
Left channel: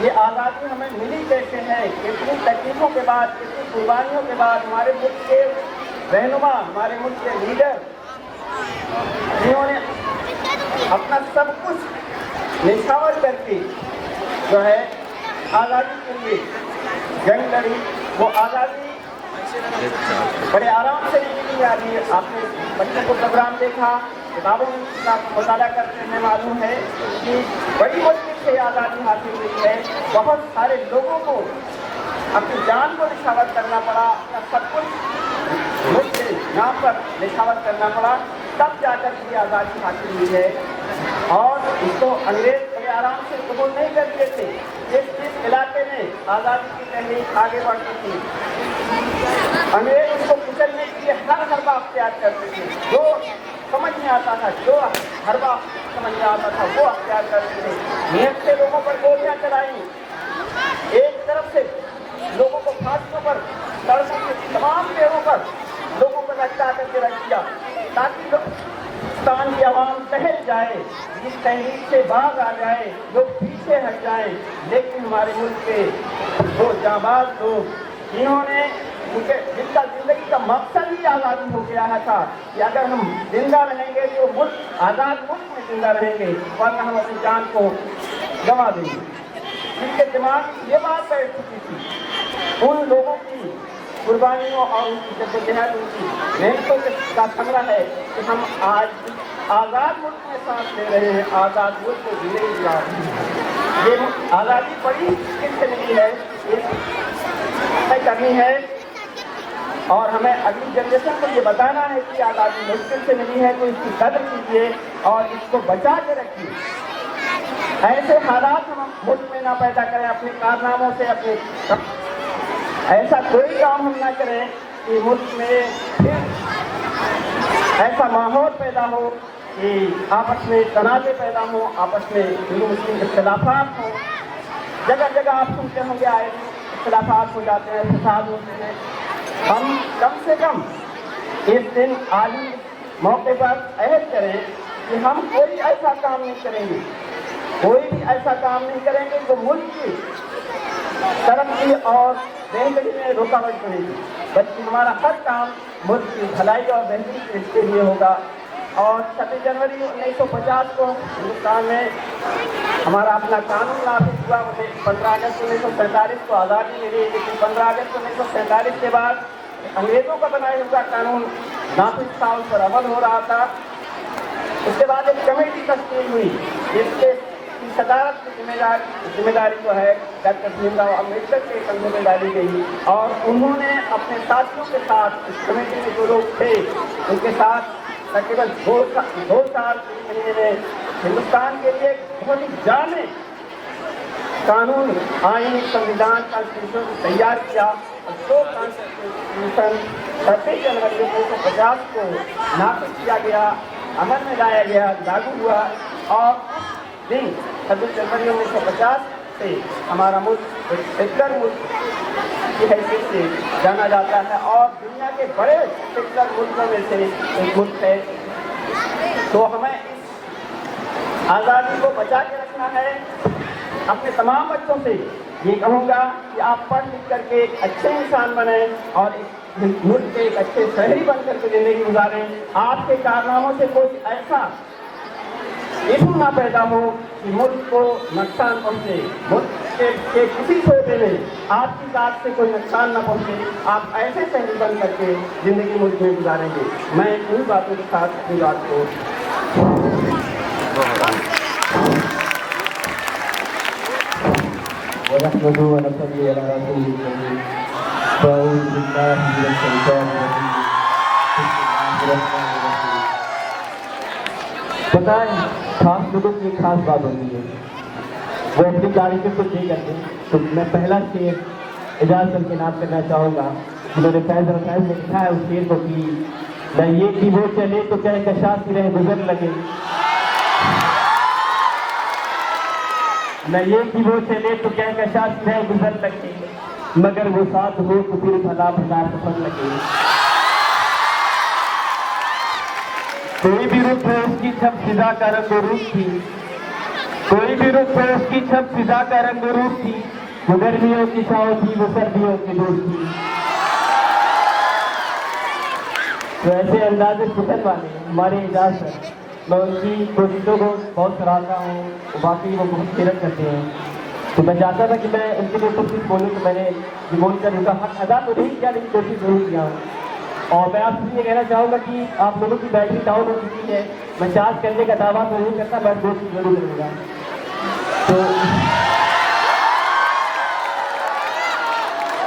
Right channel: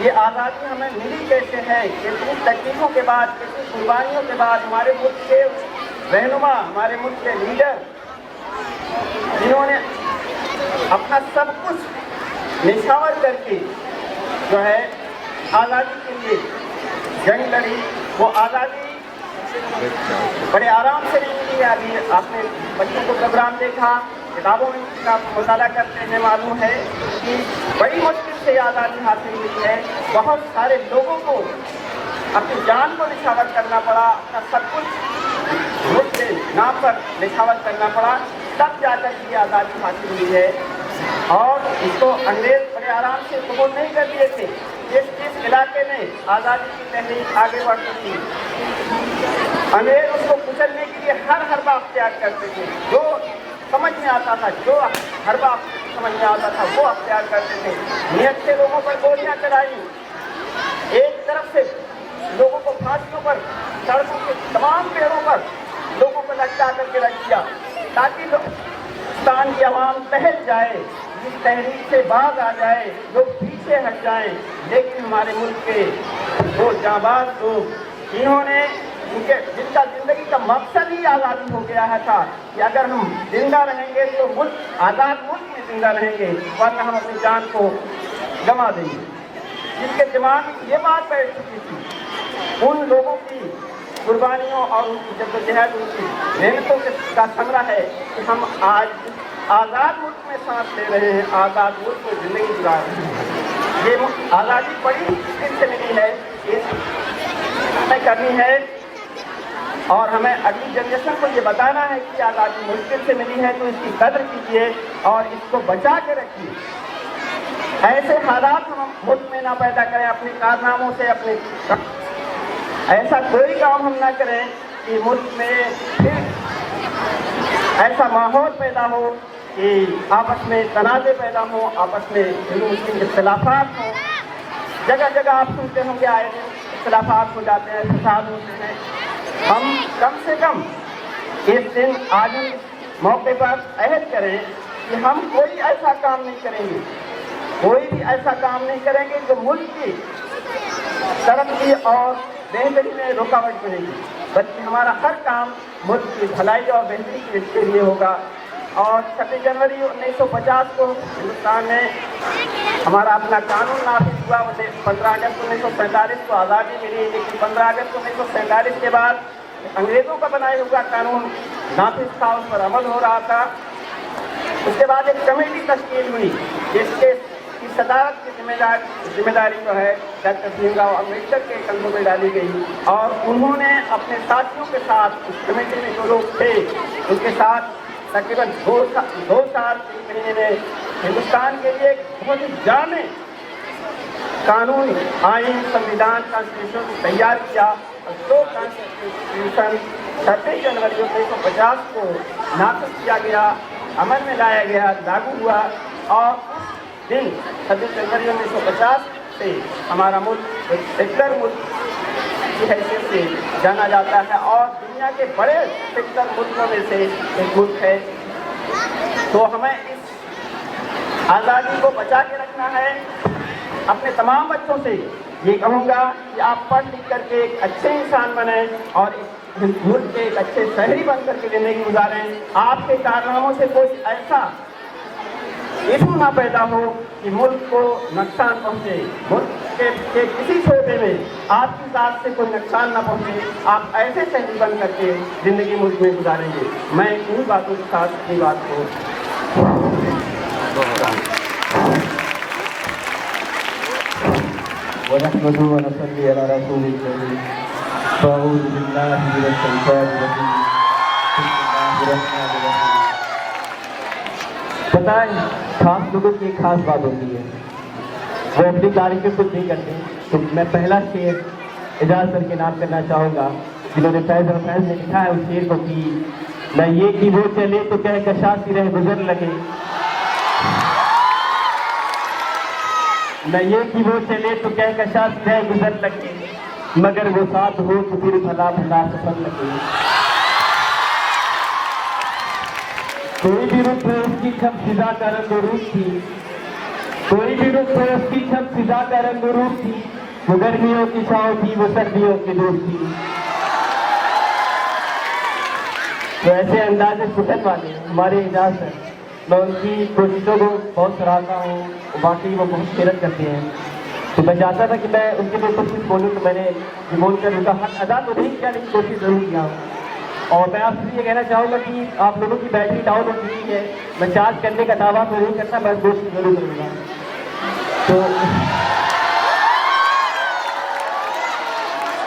ये आज़ादी हमें मिली कैसे है, कितनी तकलीफों के बाद, कितनी कुर्बानियों के बाद हमारे मुल्क के रहनुमा, हमारे मुल्क के लीडर, जिन्होंने अपना सब कुछ निछावर करके जो है आज़ादी के लिए जंग लड़ी। वो आज़ादी बड़े आराम से नहीं मिली है। अभी आपने बच्चों को प्रोग्राम देखा, किताबों में इसका मुताला करते हैं, मालूम है कि बड़ी मुश्किल से आज़ादी हासिल हुई है। बहुत सारे लोगों को अपनी जान को निछावर करना पड़ा, अपना सब कुछ मुल्क के नाम पर निछावर करना पड़ा, तब जाकर ये आज़ादी हासिल हुई है। और इसको अंग्रेज बड़े आराम से कबूल नहीं कर लिए थे। जिस इलाके में आज़ादी की तहरीक आगे बढ़ती थी, अंग्रेज उसको कुचलने के लिए हर बात अख्तियार करते थे। जो समझ में आता था, जो हर बात समझ में आता था, वो अख्तियार करते थे। नियत से लोगों पर गोलियां चलाई, एक तरफ से लोगों को फांसियों पर, सड़कों के तमाम पेड़ों पर लोगों को लटका करके रख दिया, ताकि हिंदुस्तान की आवाम टहल जाए, इस तहरीक से बाज आ जाए, लोग पीछे हट जाएं। लेकिन हमारे मुल्क के वो जाबाज लोग, जिन्होंने जिनका जिंदगी का मकसद ही आज़ादी हो गया है था कि अगर हम जिंदा रहेंगे तो मुल्क आज़ाद मुल्क में जिंदा रहेंगे, वरना हम अपनी जान को गंवा देंगे। जिनके दिमाग में ये बात बैठ चुकी थी, उन लोगों की कुर्बानियों और उनकी जद्दोजहद, उनकी मेहनतों का संग्रह है कि हम आज आज़ाद मुल्क में सांस ले रहे हैं, आज़ाद मुल्क को जिंदगी दिला रहे हैं। ये आज़ादी बड़ी मुश्किल से मिली है, इसमें करनी है, और हमें अगली जनरेशन को ये बताना है कि आज़ादी मुश्किल से मिली है, तो इसकी कदर कीजिए और इसको बचा के रखिए। ऐसे हालात हम मुल्क में ना पैदा करें अपने कारनामों से, अपने ऐसा कोई काम हम ना करें कि मुल्क में फिर ऐसा माहौल पैदा हो कि आपस में तनाज़े पैदा हो, आपस में हिंदू मुस्लिम इख्तिलाफात हो। जगह जगह आप सुनते होंगे आए इख्तिलाफात हो जाते हैं, फसाद होते हैं। हम कम से कम इस दिन आज मौके पर अहद करें कि हम कोई ऐसा काम नहीं करेंगे, कोई भी ऐसा काम नहीं करेंगे जो मुल्क की तरक्की और बेहतरी में रुकावट बनेगी, बल्कि हमारा हर काम मुल्क की भलाई और बेहतरी के लिए होगा। और 26 जनवरी 1950 को हिंदुस्तान में हमारा अपना कानून नाफिज हुआ। 15 अगस्त 1947 को आज़ादी मिली, लेकिन 15 अगस्त 1947 के बाद अंग्रेज़ों का बनाया हुआ कानून नाफिज था, उस पर अमल हो रहा था। उसके बाद एक कमेटी तश्कील हुई जिसके की सदारत की जिम्मेदारी जो है डॉक्टर भीमराव अम्बेडकर के कंधों में डाली गई और उन्होंने अपने साथियों के साथ इस कमेटी में जो लोग थे उनके साथ तकरीबन 2 साल में हिंदुस्तान के लिए बहुत ही जामे कानून, आइन, संविधान, कॉन्स्टिट्यूशन तैयार किया। और 2 कॉन्स्टिट्यूशन 26 जनवरी 1950 को नाफिज किया गया, अमल में लाया गया, लागू हुआ और उस दिन 26 जनवरी 1950 से हमारा मुल्क एक सेक्युलर मुल्क की हैसियत से जाना जाता है और दुनिया के बड़े सेक्युलर मुल्कों में से एक मुल्क है। तो हमें इस आज़ादी को बचा के रखना है। अपने तमाम बच्चों से ये कहूँगा कि आप पढ़ लिख करके एक अच्छे इंसान बने और इस मुल्क के एक अच्छे शहरी बन करके ज़िंदगी गुजारें। आपके कारनामों से कोई ऐसा इशू ना पैदा हो कि मुल्क को नुकसान पहुँचे, मुल्क के किसी छोटे में आपकी ज़ात से कोई नुकसान ना पहुँचे। आप ऐसे शहरी बन करके ज़िंदगी मुल्क में गुजारेंगे। मैं उन बातों के साथ अपनी बात को पता है, खास लोगों की खास बात होती है, वो अपनी तारीफें खुद नहीं करते। तो मैं पहला शेर एजाज सर के नाम करना चाहूँगा, जिन्होंने फैज़ और फैज़ में लिखा है उस शेर को कि मैं ये कि वो चले तो कहे कशासी रहे गुजर लगे, मैं ये कि वो चले तो कहे कशासी रहे गुजर लगे, मगर वो साथ हो तो फिर भला भला सफर लगे। कोई भी रुख हो उसकी छप फिजा का रंग रूप थी, कोई भी रुख हो उसकी छप फिजा का रंग रूप थी, वो गर्मियों की छाँव थी, वो सर्दियों की धूप थी। तो ऐसे अंदाजे सिफत वाले हमारे एजाज सर, मैं उनकी कोशिशों को बहुत सराहता हूँ, बाकी वो बहुत मेहनत करते हैं। तो मैं चाहता था कि मैं उनके ऊपर कुछ बोलूँ, तो मैंने बोलकर उनका हक अदा तो नहीं किया, लेकिन कोशिश जरूर किया। और मैं आपसे ये कहना चाहूँगा कि आप लोगों की बैटरी डाउन हो चुकी है, मैं चार्ज करने का दावा तो नहीं करता, मैं कोशिश जरूर करूँगा। तो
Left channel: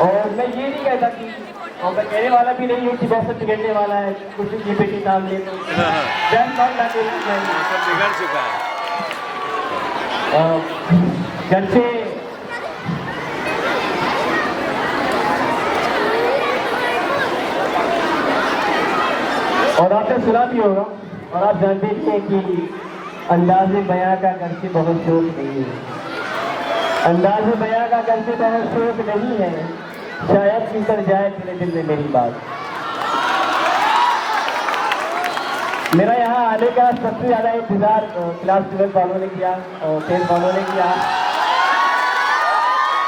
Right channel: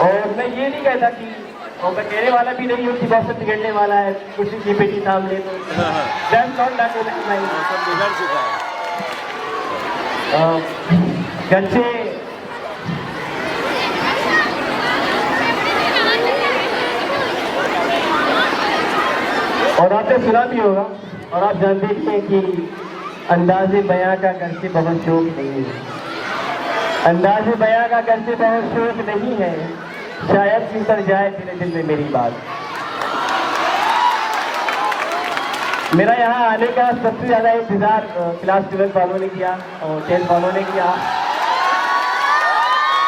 और मैं ये नहीं कहता कि, और मैं कहने वाला भी नहीं हूँ कि मौसम बिगड़ने वाला है, किसी की बेटी नाम ले तो मौसम बिगड़ चुका है। घर से और आपने सुना भी होगा और आप जानते भी हैं कि अंदाज़े बयां का घर से बहुत शौक नहीं है, अंदाज़े बयां का घर से बहुत शौक नहीं है, शायद फिसल जाए तेरे दिल में मेरी बात। मेरा यहाँ आने का सबसे ज़्यादा इंतज़ार क्लास 12 वालों ने किया और 10 वालों ने किया,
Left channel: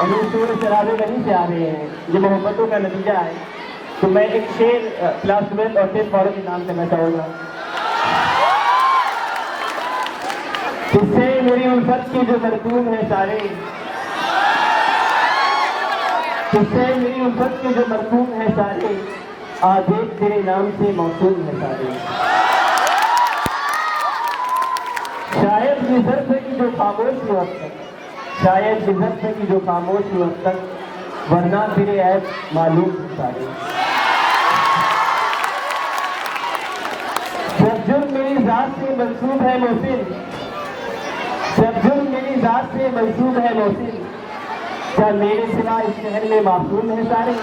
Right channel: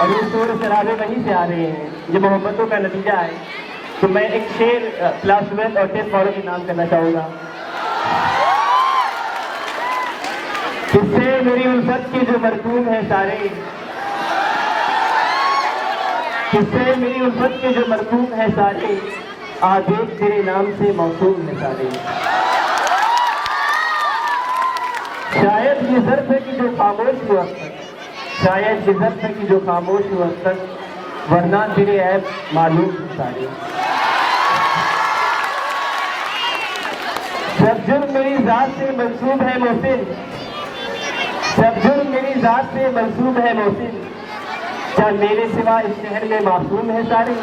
और ये शोर शराबे वहीं से आ रहे हैं, ये मोहब्बतों का नतीजा है। तो मैं एक शेर क्लास 12 और 10 वालों के नाम करना चाहूँगा। किससे मेरी उल्फत के जो मरकूम है सारे, किससे मेरी उल्फत के जो मरकूम है सारे, आदेश तेरे नाम से मौसूम है सारे। शायद ये ज़र्फ़ है कि जो खामोश हुआ तक, शायद ये ज़र्फ़ है कि जो खामोश हुआ तक, वरना तेरे ऐब मालूम है सारे। सब जुर्म मेरी ज़ात से मंसूब है मोहसिन, सब जुर्म मेरी ज़ात से मंसूब है मोहसिन, क्या मेरे सिवा इस शहर में मासूम है सारे।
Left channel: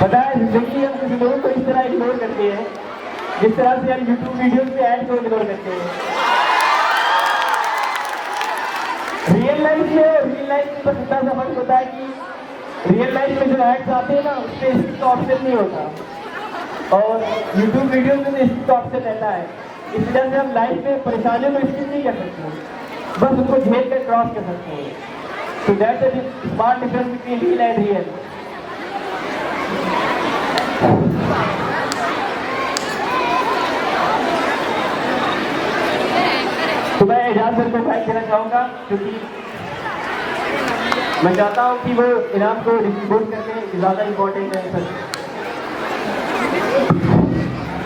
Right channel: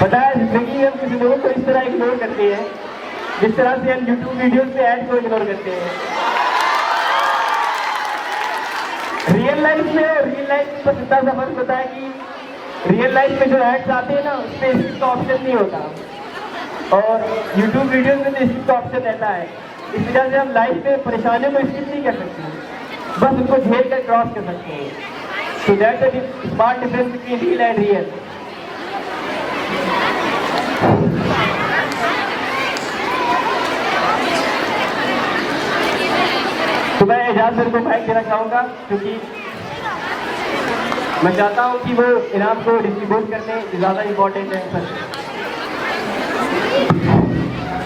पता है, जिंदगी हम किसी लोगों को इस तरह इग्नोर करते हैं जिस तरह से हम यूट्यूब वीडियोस पे ऐड को इग्नोर करते हैं। रियल लाइफ में तो कितना सा फर्क होता है कि रियल लाइफ में जो एड्स आते हैं ना, उस पर स्किप का ऑप्शन नहीं होता, और यूट्यूब वीडियोस में तो स्किप का ऑप्शन रहता है। इस वजह से हम लाइफ में परेशानियों को स्किप नहीं कर सकते, बस उनको झेल कर क्रॉस कर सकते हैं। तो that is smart difference between real and real. तो मैं एजाज सर को थैंक देना चाहूँगा, क्योंकि मैं चाहता हूँ कि वो इनाम को डिस्ट्रीब्यूट करके ज़्यादा इम्पोर्टेंट है सर।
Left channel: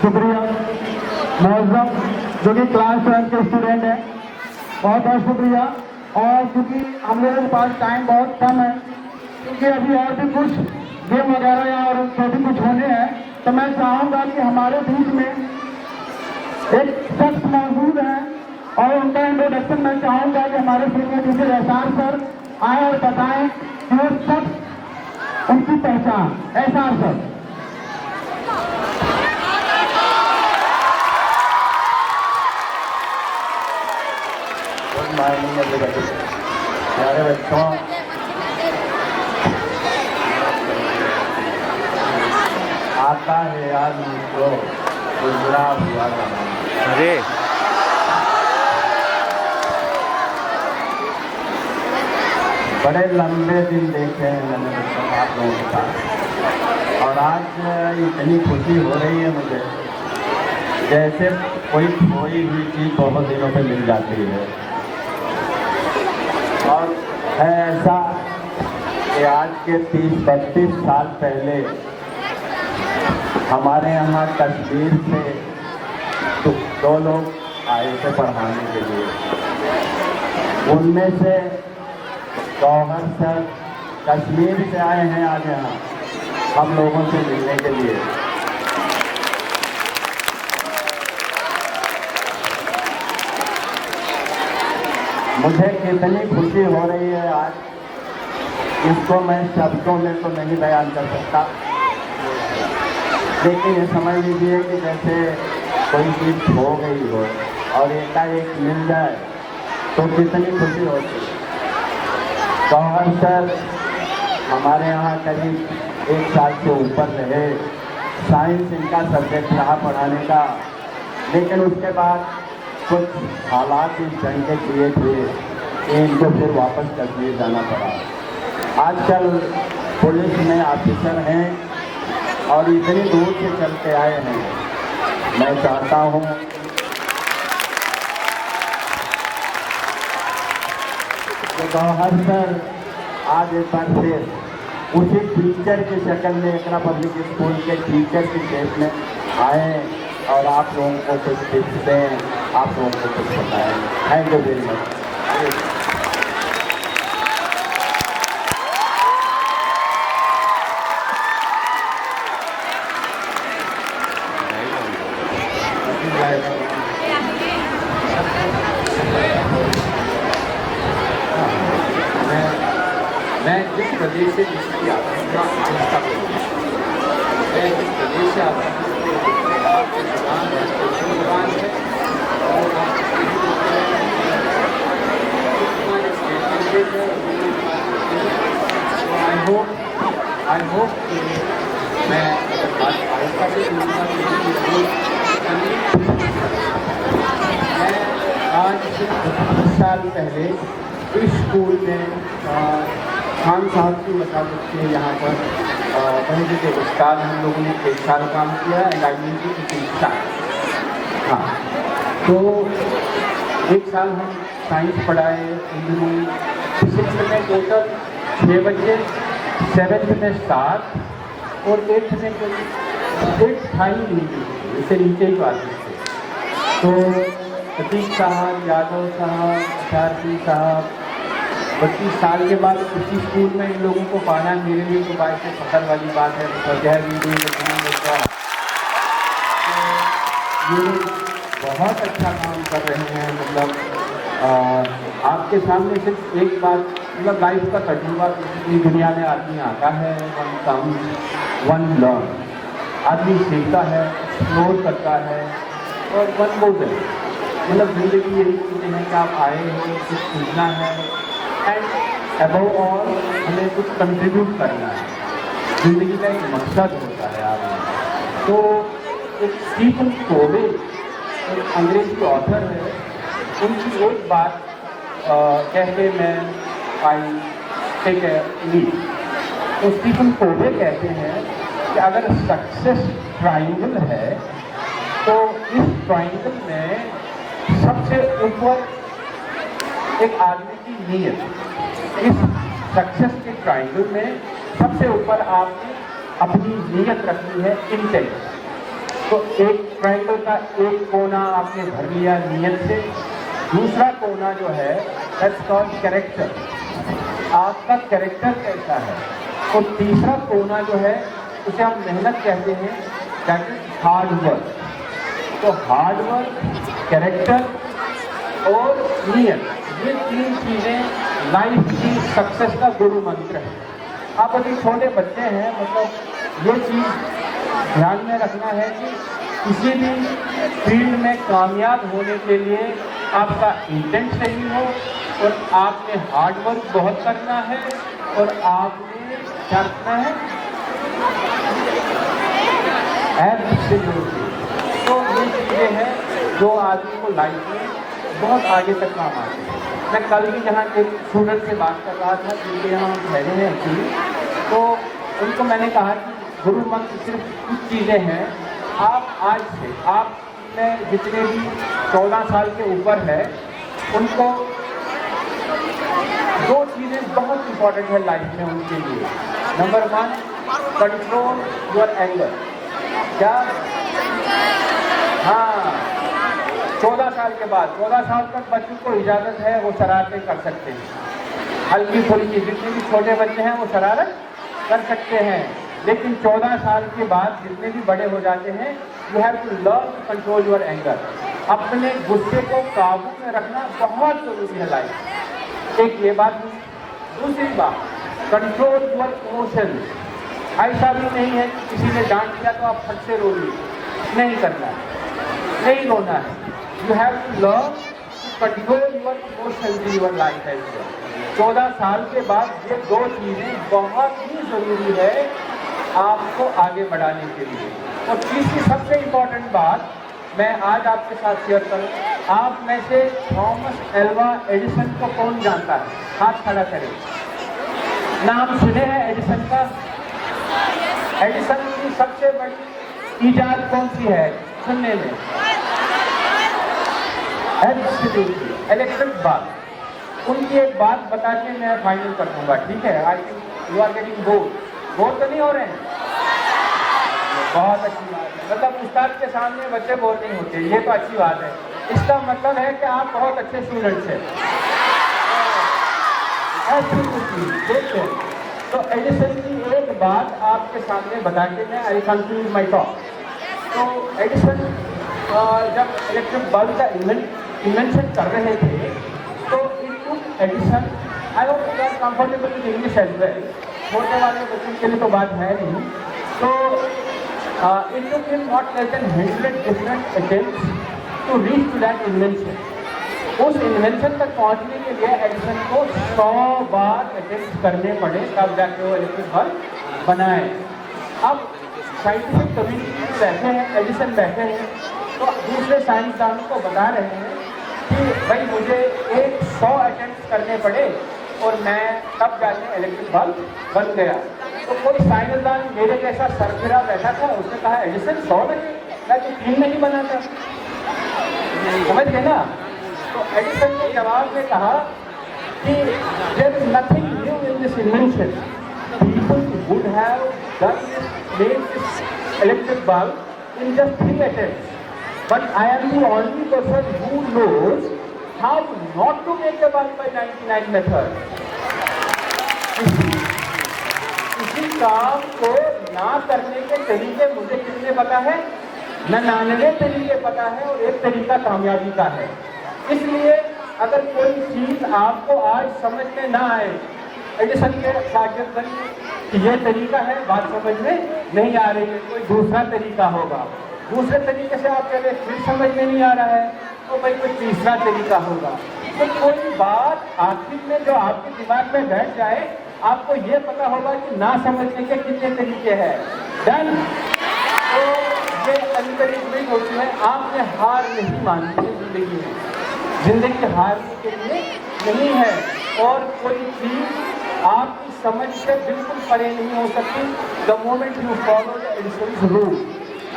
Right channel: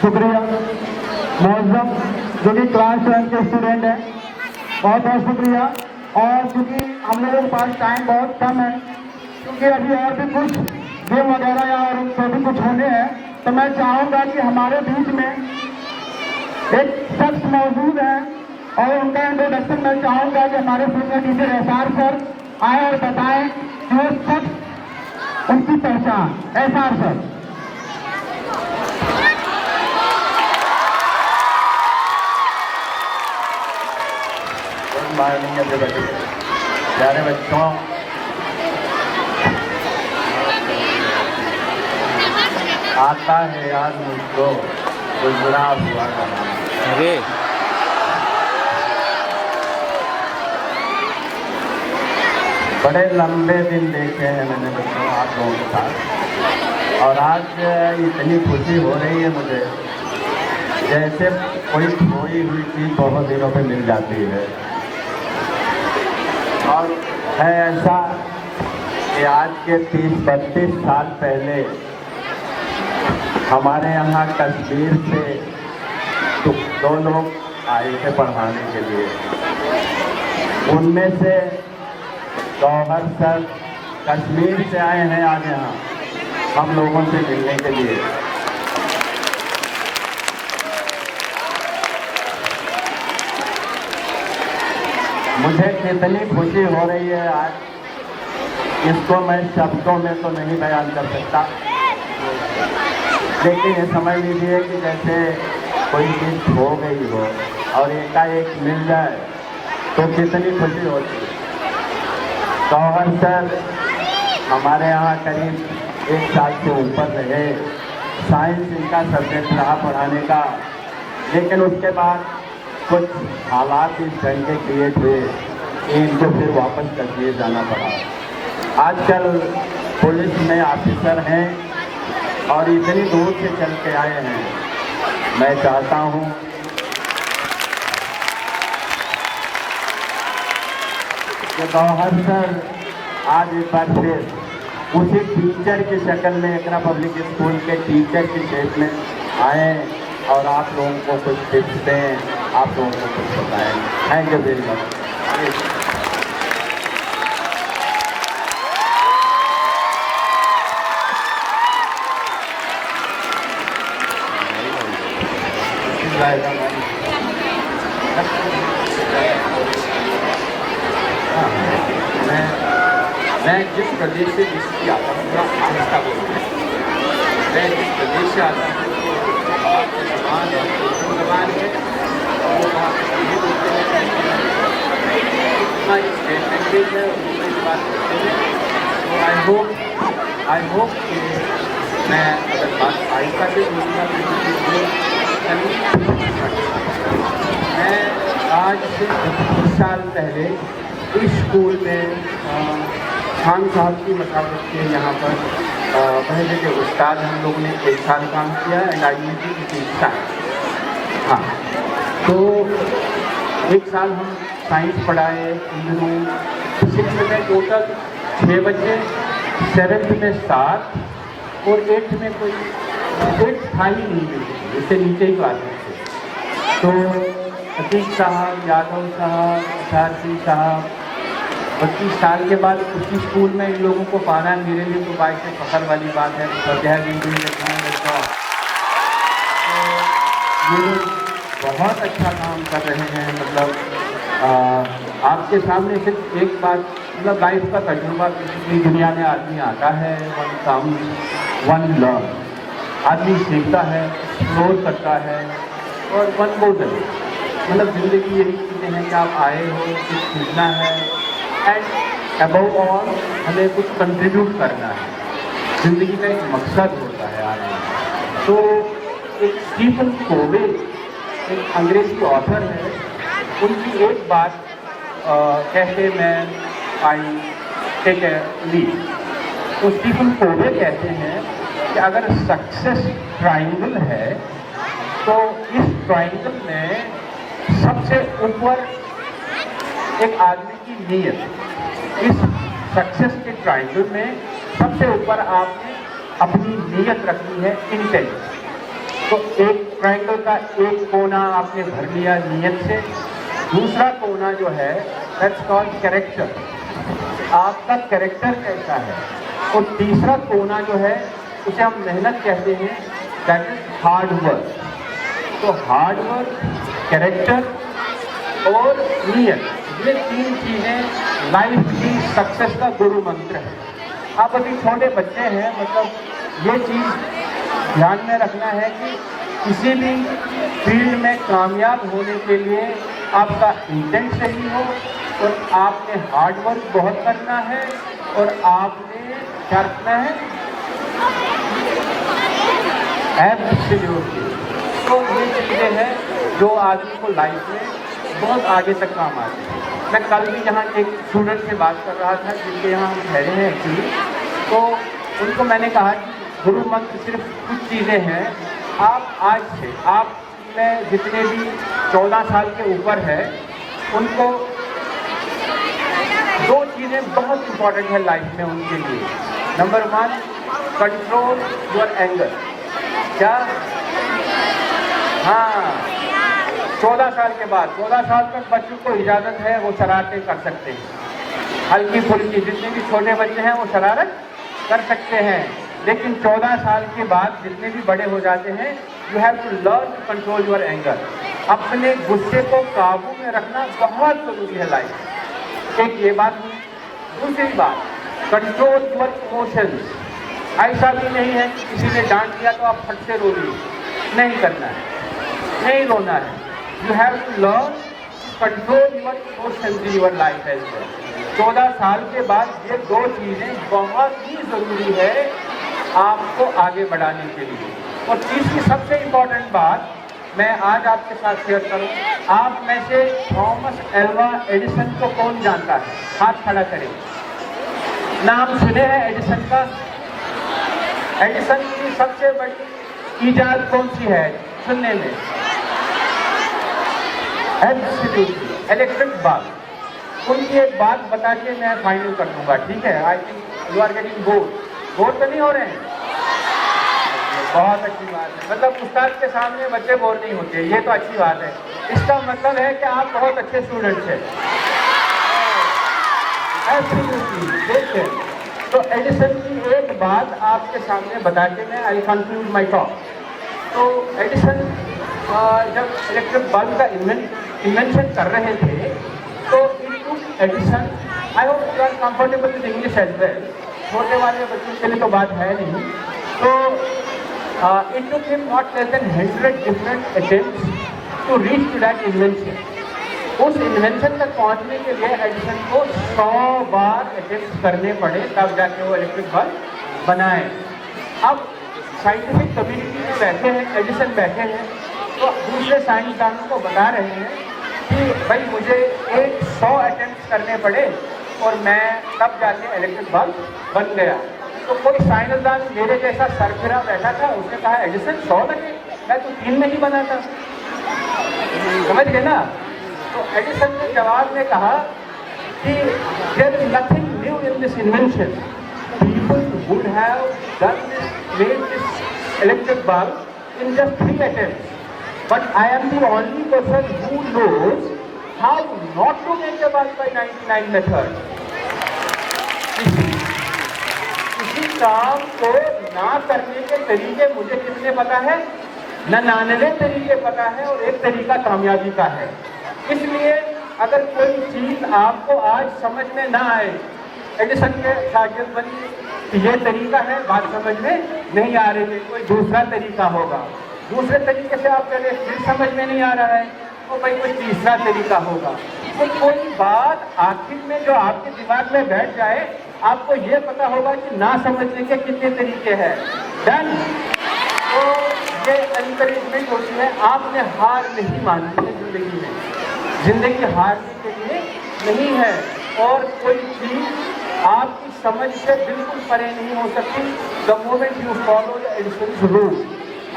शुक्रिया मौजम जो कि क्लास 12 के स्टूडेंट हैं, बहुत बहुत शुक्रिया। और क्योंकि हम लोगों के पास टाइम बहुत कम है, क्योंकि अभी और भी कुछ गेम वगैरह या और जो भी कुछ होने हैं, तो मैं चाहूँगा कि हमारे बीच में एक शख्स मौजूद है और उनका इंट्रोडक्शन मैं चाहूँगा कि हमारे सीनियर टीचर एसआर सर आए और बताएं कि वो शख्स उनकी पहचान। SR sir. प्यारे बच्चों, आता है यार मुझको गुजरा हुआ जमाना। अरे बड़े लंबे दिन देखे हैं मैंने बच्चों आप लोगों के साथ, और आज इतनी खुशी हो रही है मुझे जैसे कोई खोई हुई चीज बहुत दिनों पे मिल जाती है। और है ऐसा कि आज के 30-32 साल पहले हमारे यहाँ कश्मीर से तो 2 लोग आए थे पढ़ाने के लिए। उनमें से गौहर सर कश्मीर से आए हैं आज यहाँ हम लोगों से मिलने के लिए। मुझे कितनी खुशी हो रही है आज, इसको मैं शब्दों में तो नहीं बयान कर सकता, लेकिन ये समझ लीजिए कि जैसे कोई चीज़ खो गई हो और एकाएक मिल जाए तो कितनी खुशी होती है। गौहर सर हमारे यहाँ करीब 1 साल से ऊपर रहे, साइंस इनका सब्जेक्ट रहा पढ़ाने का, लेकिन उसके बाद कुछ हालात इस ढंग के क्रिएट हुए कि इनको फिर वापस कश्मीर जाना पड़ा। आजकल पुलिस में ऑफिसर हैं और इतनी दूर से चल के आए हैं। मैं चाहता हूँ कि गौहर सर आज एक बार फिर उसी टीचर की शक्ल में एकरा पब्लिक स्कूल के टीचर की शेप में आए और आप लोगों को कुछ टिप्स दें, आप लोगों को कुछ बताएं। Thank you very much. मैं जिस प्रदेश से जिसकी आता हूँ थोड़ा आहिस्ता बोलूँगा। मैं जिस प्रदेश से आता हूँ वहाँ की ज़बान उर्दू ज़बान है और वहाँ कश्मीरी बोलते हैं, हमारी स्टेट लैंग्वेज है, उर्दू बात करते हैं। तो आई होप कि मैं अगर बात आहिस्ता से बोलूँगा तो मैं आज से 25 साल पहले इस स्कूल में खान साहब की मसाजत के यहाँ पर पहले के उस्ताद हम लोगों ने 1 साल काम किया and I use to teach science. हाँ, तो 1 साल हम साइंस पढ़ाए। इन दिनों 6 में टोटल 6 बच्चे, 7th में 7 और 8th में कोई था ही नहीं, इससे नीचे ही आते थे। तो सतीश साहब, यादव साहब, अशारती साहब 25 साल के बाद उसी स्कूल में इन लोगों को पाना मेरे लिए तो बाइक से फखर वाली बात है। तो ये लोग बहुत अच्छा काम कर रहे हैं। मतलब आपके सामने सिर्फ एक बात, मतलब लाइफ का तजुर्बा किसी दुनिया में आदमी आता है, वन काम वन लर्न, आदमी सीखता है, एक्सप्लोर करता है और वन गोल है। मतलब ज़िंदगी यही चीज़ें हैं कि आप आए हो, कुछ सीखना है एंड अबव ऑल हमें कुछ कंट्रीब्यूट करना है। ज़िंदगी का एक मकसद होता है आदमी। तो एक स्टीफन कोवे एक अंग्रेज़ी ऑथर है, उनकी एक बात कहते मैं आई टेक ए लीड। तो स्टीफन कोवे कहते हैं कि अगर सक्सेस ट्राइंगल है तो इस ट्राइंगल में सबसे ऊपर एक आदमी की नीयत, इस सक्सेस के ट्रायंगल में सबसे ऊपर आपने अपनी नीयत रखनी है, इंटेंट। तो एक ट्रायंगल का एक कोना आपने भर लिया नीयत से, दूसरा कोना जो है दैट्स कॉल्ड कैरेक्टर, आपका कैरेक्टर कैसा है, और तीसरा कोना जो है उसे हम मेहनत कहते हैं, दैट इज हार्ड वर्क। तो हार्ड वर्क, कैरेक्टर और नियत, ये तीन चीज़ें लाइफ की सक्सेस का गुरु मंत्र है। आप अभी छोटे बच्चे हैं, मतलब ये चीज़ ध्यान में रखना है कि किसी भी फील्ड में कामयाब होने के लिए आपका इंटेंट सही हो, और आपने हार्ड वर्क बहुत करना है, और आपने क्या रखना है, एब्सोल्यूटली। तो ये चीज़ें हैं जो आदमी को लाइफ में बहुत आगे तक काम आती है। मैं कल भी यहाँ एक स्टूडेंट से बात कर रहा था जिनके यहाँ हम ठहरे हैं एक्चुअली, तो उनको मैंने कहा कि गुरु मंत्र सिर्फ कुछ चीज़ें हैं। आप आज से, आप में जितने भी 14 साल के ऊपर है, उनको दो चीज़ें बहुत इंपॉर्टेंट है लाइफ में उनके लिए। Number 1, control your anger. क्या? हाँ, 14 साल के बाद, 14 साल तक बच्चों को इजाज़त है वो शरारतें कर सकते हैं, हल्की फुल्की, जितने भी छोटे बच्चे हैं वो शरारत कर सकते हैं। लेकिन 14 साल के बाद जितने भी बड़े हो जाते हैं, you have to learn to control your anger. अपने गुस्से को काबू में रखना बहुत ज़रूरी है लाइफ। एक ये बात हुई। दूसरी बात, कंट्रोल योर इमोशंस। ऐसा भी नहीं है कि किसी ने डांट दिया तो आप फट से रो लिए, नहीं करना है, नहीं रोना है। You have to learn to control your emotions in your life as well. 14 साल के बाद ये दो चीज़ें बहुत ही ज़रूरी है आपको आगे बढ़ाने के लिए। और तीसरी सबसे इम्पॉर्टेंट बात मैं आज आपके साथ शेयर करूं। आप में से थॉमस एल्वा एडिसन को कौन जानता है? हाथ खड़ा करें। नाम सुने हैं एडिसन का? एडिसन की सबसे बड़ी ईजाद कौन सी है सुनने में? Absolutely, electric bulb. उनकी एक बात बता के मैं फाइनल कर दूंगा, ठीक है? I think you are getting bore तो नहीं हो रहे हैं? बहुत अच्छी बात है। मतलब उस्ताद के सामने बच्चे बोर नहीं होते, ये तो अच्छी बात है। इसका मतलब है कि आप बहुत अच्छे स्टूडेंट्स हैं। देखिए, तो एडिसन की एक बात आपके सामने बता के मैं आई कंक्लूड माई टॉक। तो एडिसन जब इलेक्ट्रिक बल्ब का इन्वेंशन कर रहे थे, तो Edison, I hope you are comfortable with English as well, छोटे वाले बच्चों के लिए तो बात है नहीं। तो it took him not less than 100 different attempts to reach to that invention. उस इन्वेंशन तक पहुंचने के लिए एडिसन को 100 बार अटेम्प्ट करने पड़े, तब जाके वो इलेक्ट्रिक बल्ब बनाए। अब साइंटिफिक कम्युनिटी में बैठे हैं, एडिसन बैठे हैं, तो दूसरे साइंसदानों को बता रहे हैं कि भाई मुझे 100 अटेम्प्ट करने पड़े और मैं तब जाके इलेक्ट्रिक बल्ब बन गया। तो कोई साइंसदान मेरे जैसा सरफिरा बैठा था, उसने कहा एडिसन 100 लगे, मैं तो 3 में ही बना था। समझ गए ना? तो एडिसन ने जवाब में कहा कि there is nothing new in this invention, people would have done this, made this electric bulb in just 3 attempts, but I am the only person who knows how not to make the bulb by 99 method. इसी काम को ना करने के तरीके मुझे कितने पता है? 99 तरीके पता है, और एक तरीका कामयाबी का है। इसलिए अगर कोई चीज आपको आज समझ में ना आए, एडिसन के शागिर्द बनिए कि ये तरीका है, बात समझ में नहीं आ रही है, कोई दूसरा तरीका होगा। दूसरे तरीके से आप कह रहे फिर समझ में नहीं आ रहा है, तो भाई कोई तीसरा तरीका होगा। तो कोई बात आखिर में जो आपके दिमाग में बैठ जाए, आपको ये पता होगा कि ना समझने के कितने तरीके हैं। डन। तो ये एनकरेजमेंट होती है, आपने हार नहीं माननी है जिंदगी में। जिंदगी हारने के लिए नहीं है, और कोई चीज आपकी समझ से बिल्कुल परे नहीं हो सकती। The moment you follow the Edison rule,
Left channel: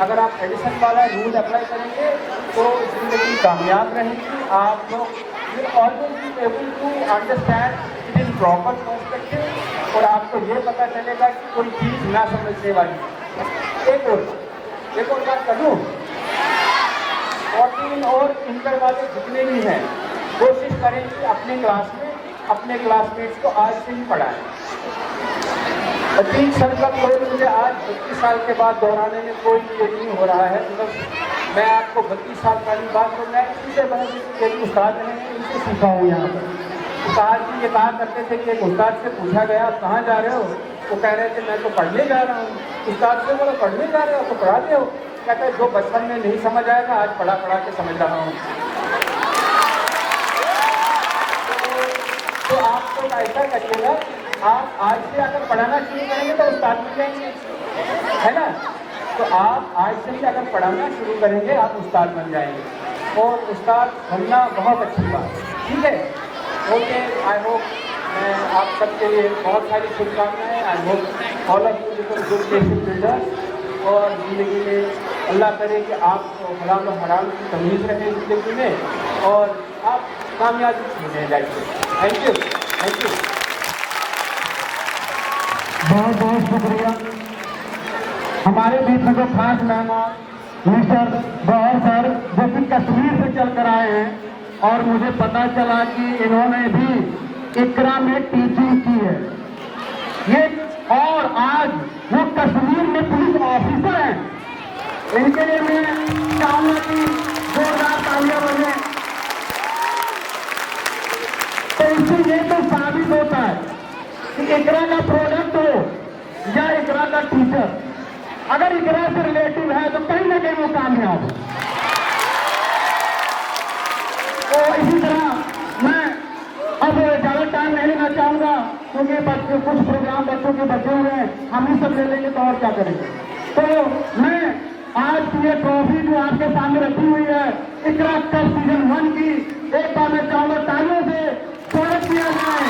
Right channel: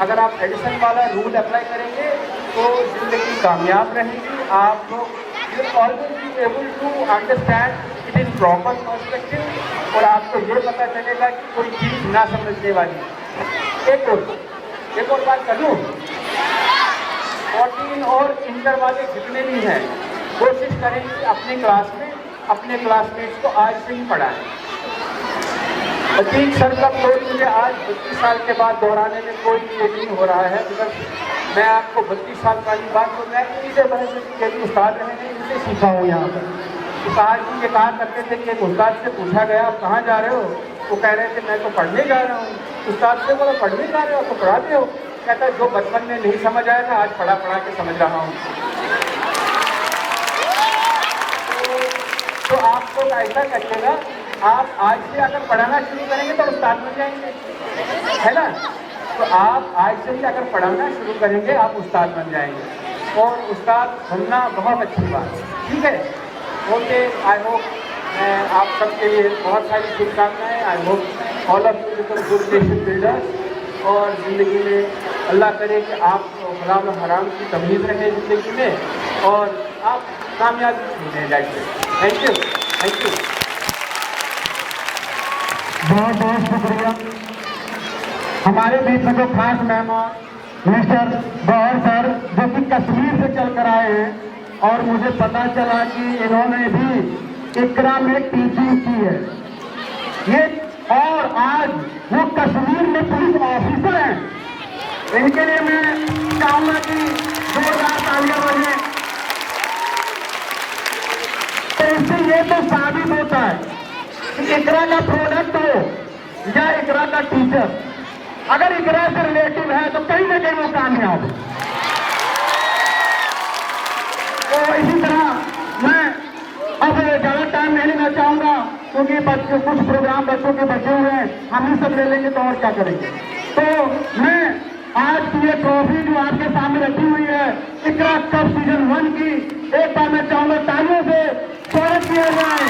अगर आप एडिसन वाला रूल अप्लाई करेंगे तो जिंदगी कामयाब रहेगी। आप लोग will always be able to understand it is proper perspective और आपको ये पता चलेगा कि कोई चीज ना समझने वाली है। एक और बात करूँ, 14 और इंटर वाले जितने भी हैं कोशिश करें कि अपने क्लास में अपने क्लासमेट्स को आज से ही पढ़ाएं। अतीक सर का कोई मुझे आज 32 साल के बाद दोहराने में कोई ये नहीं हो रहा है, बिकॉज मैं आपको 32 साल पुरानी बात तो मैं टीचर बने के लिए उस्ताद रहे हैं, इनसे सीखा हूँ यहाँ पर। उस्ताद जी ये कहा करते थे कि एक उस्ताद से पूछा गया आप कहाँ जा रहे हो, वो कह रहे थे मैं तो पढ़ने जा रहा हूँ। उस्ताद से बोला पढ़ने जा रहे हो तो पढ़ाते हो, कहता है जो बचपन में नहीं समझ आएगा आज पढ़ा के समझ रहा हूँ। तो आप तो ऐसा करिएगा, आप आज से अगर पढ़ाना शुरू करेंगे तो उस्ताद बन जाएंगे, है ना। तो आप आज से ही अगर पढ़ाना शुरू करेंगे आप उस्ताद बन जाएंगे, और उस्ताद बनना बहुत अच्छी बात है, ठीक है। ओके, आई होप मैं आप सबके लिए बहुत सारी शुभकामनाएं। I hope all of you become good basic builder, और ज़िंदगी में अल्लाह करे कि आप हलाल और हराम की तमीज़ रखें ज़िंदगी में, और आप कामयाबी मिल जाइए। Thank you, thank you. बहुत बहुत शुक्रिया। हमारे बीच में जो खास मेहमान मिस्टर गौहर सर जो कि कश्मीर से चल कर आए हैं, और मुझे पता चला कि इन्होंने भी इकरा में टीचिंग की है ये, और आज वो कश्मीर में पुलिस ऑफिसर हैं। इनके लिए मैं चाहूंगा कि जोरदार तालियां बजे। तो इससे ये तो साबित होता है कि इकरा का प्रोडक्ट हो या इकरा का टीचर, अगर इकरा से रिलेटिव है तो कहीं ना कहीं वो कामयाब हो। तो इसी तरह मैं अब ज्यादा टाइम नहीं लेना चाहूंगा, क्योंकि बच्चे कुछ प्रोग्राम बच्चों के बचे हुए हैं, हम ही सब ले लेंगे तो और क्या करेंगे। तो मैं आज की ये ट्रॉफी जो आपके सामने रखी हुई है इकरा कप सीजन 1 की, एक बार मैं चाहूंगा तालियों से स्वागत किया जाए।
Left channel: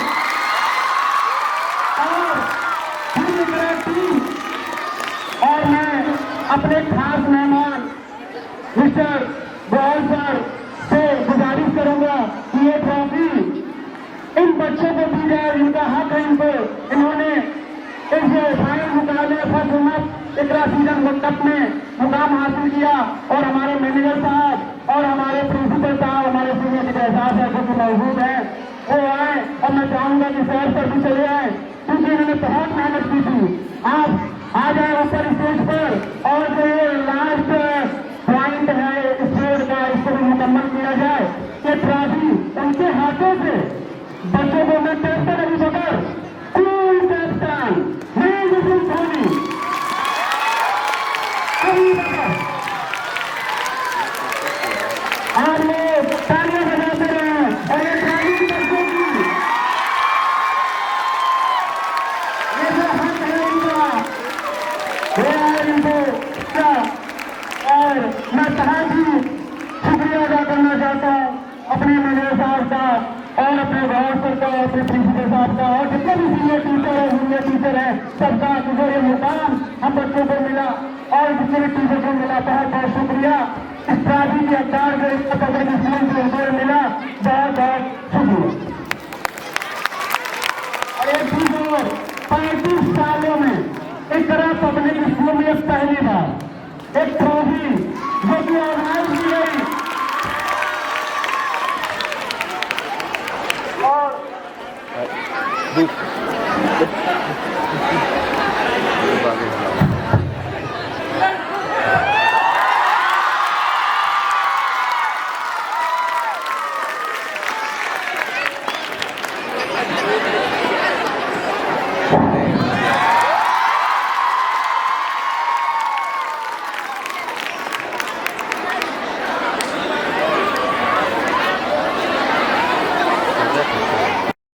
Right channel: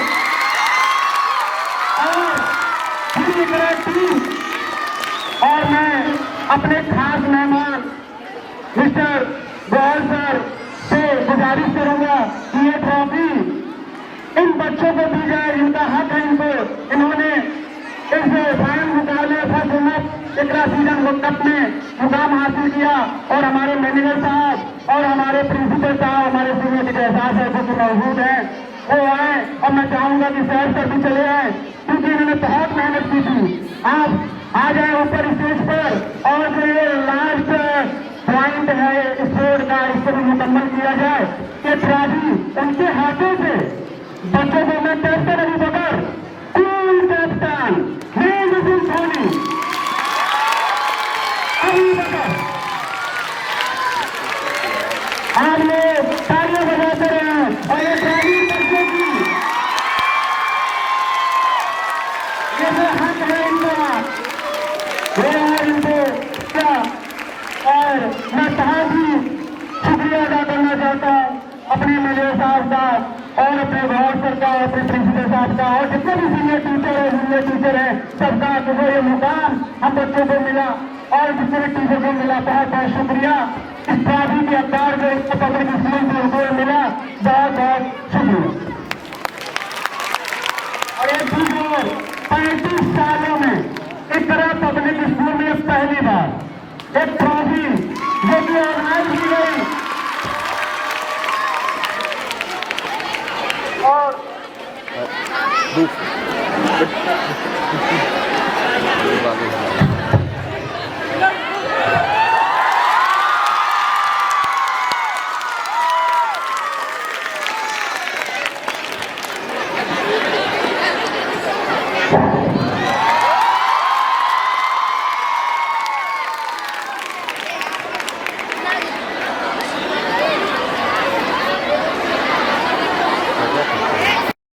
और इकरा टीम और मैं अपने खास मेहमान मिस्टर गौहर सर से गुजारिश करूंगा कि ये ट्रॉफी इन बच्चों को दी जाए, इनका हक है इनको। इन्होंने इस फाइनल मुकाबले फर्स्ट इकरा सीजन 1 कप में मुकाम हासिल किया, और हमारे मैनेजर साहब और हमारे प्रिंसिपल साहब, हमारे सीनियर एहसास है जो मौजूद हैं, वो आए, और मैं चाहूंगा कि शहर पर भी चले आए, क्योंकि इन्होंने बहुत मेहनत की थी। आप आ जाए ऊपर स्टेज पर, और जो ये लास्ट पॉइंट है स्पोर्ट का, इसको भी मुकम्मल किया जाए कि ट्रॉफी उनके हाथों से बच्चों को मैं कैप्टन अभी बकर कूल कैप्टन धोनी अभी बकर आप लोग तालियां बजाते रहे, और ये ट्रॉफी बच्चों की ये जो हक है इनका इनको क्या, और मैं बहुत ही शुक्रिया अदा करना चाहता हूँ अपने मैनेजर साहब का, और अपने गौहर सर का, अपने प्रिंसिपल साहब का, और जितने भी सीनियर टीचर हैं सबका, जो ये मुकाम हम बच्चों को मिला और जितने भी टीचर को मिला, बहुत बहुत शुक्रिया। इस ट्रॉफी के अवतार जो इसको पब्लिक स्कूल से ऊपर मिला, बहुत बहुत शुक्रिया। और एक दूसरे 35 सालों में इस तरह पब्लिक स्कूल में पहली बार एक ट्रॉफी जो कि ऑर्गेनाइज की गई, और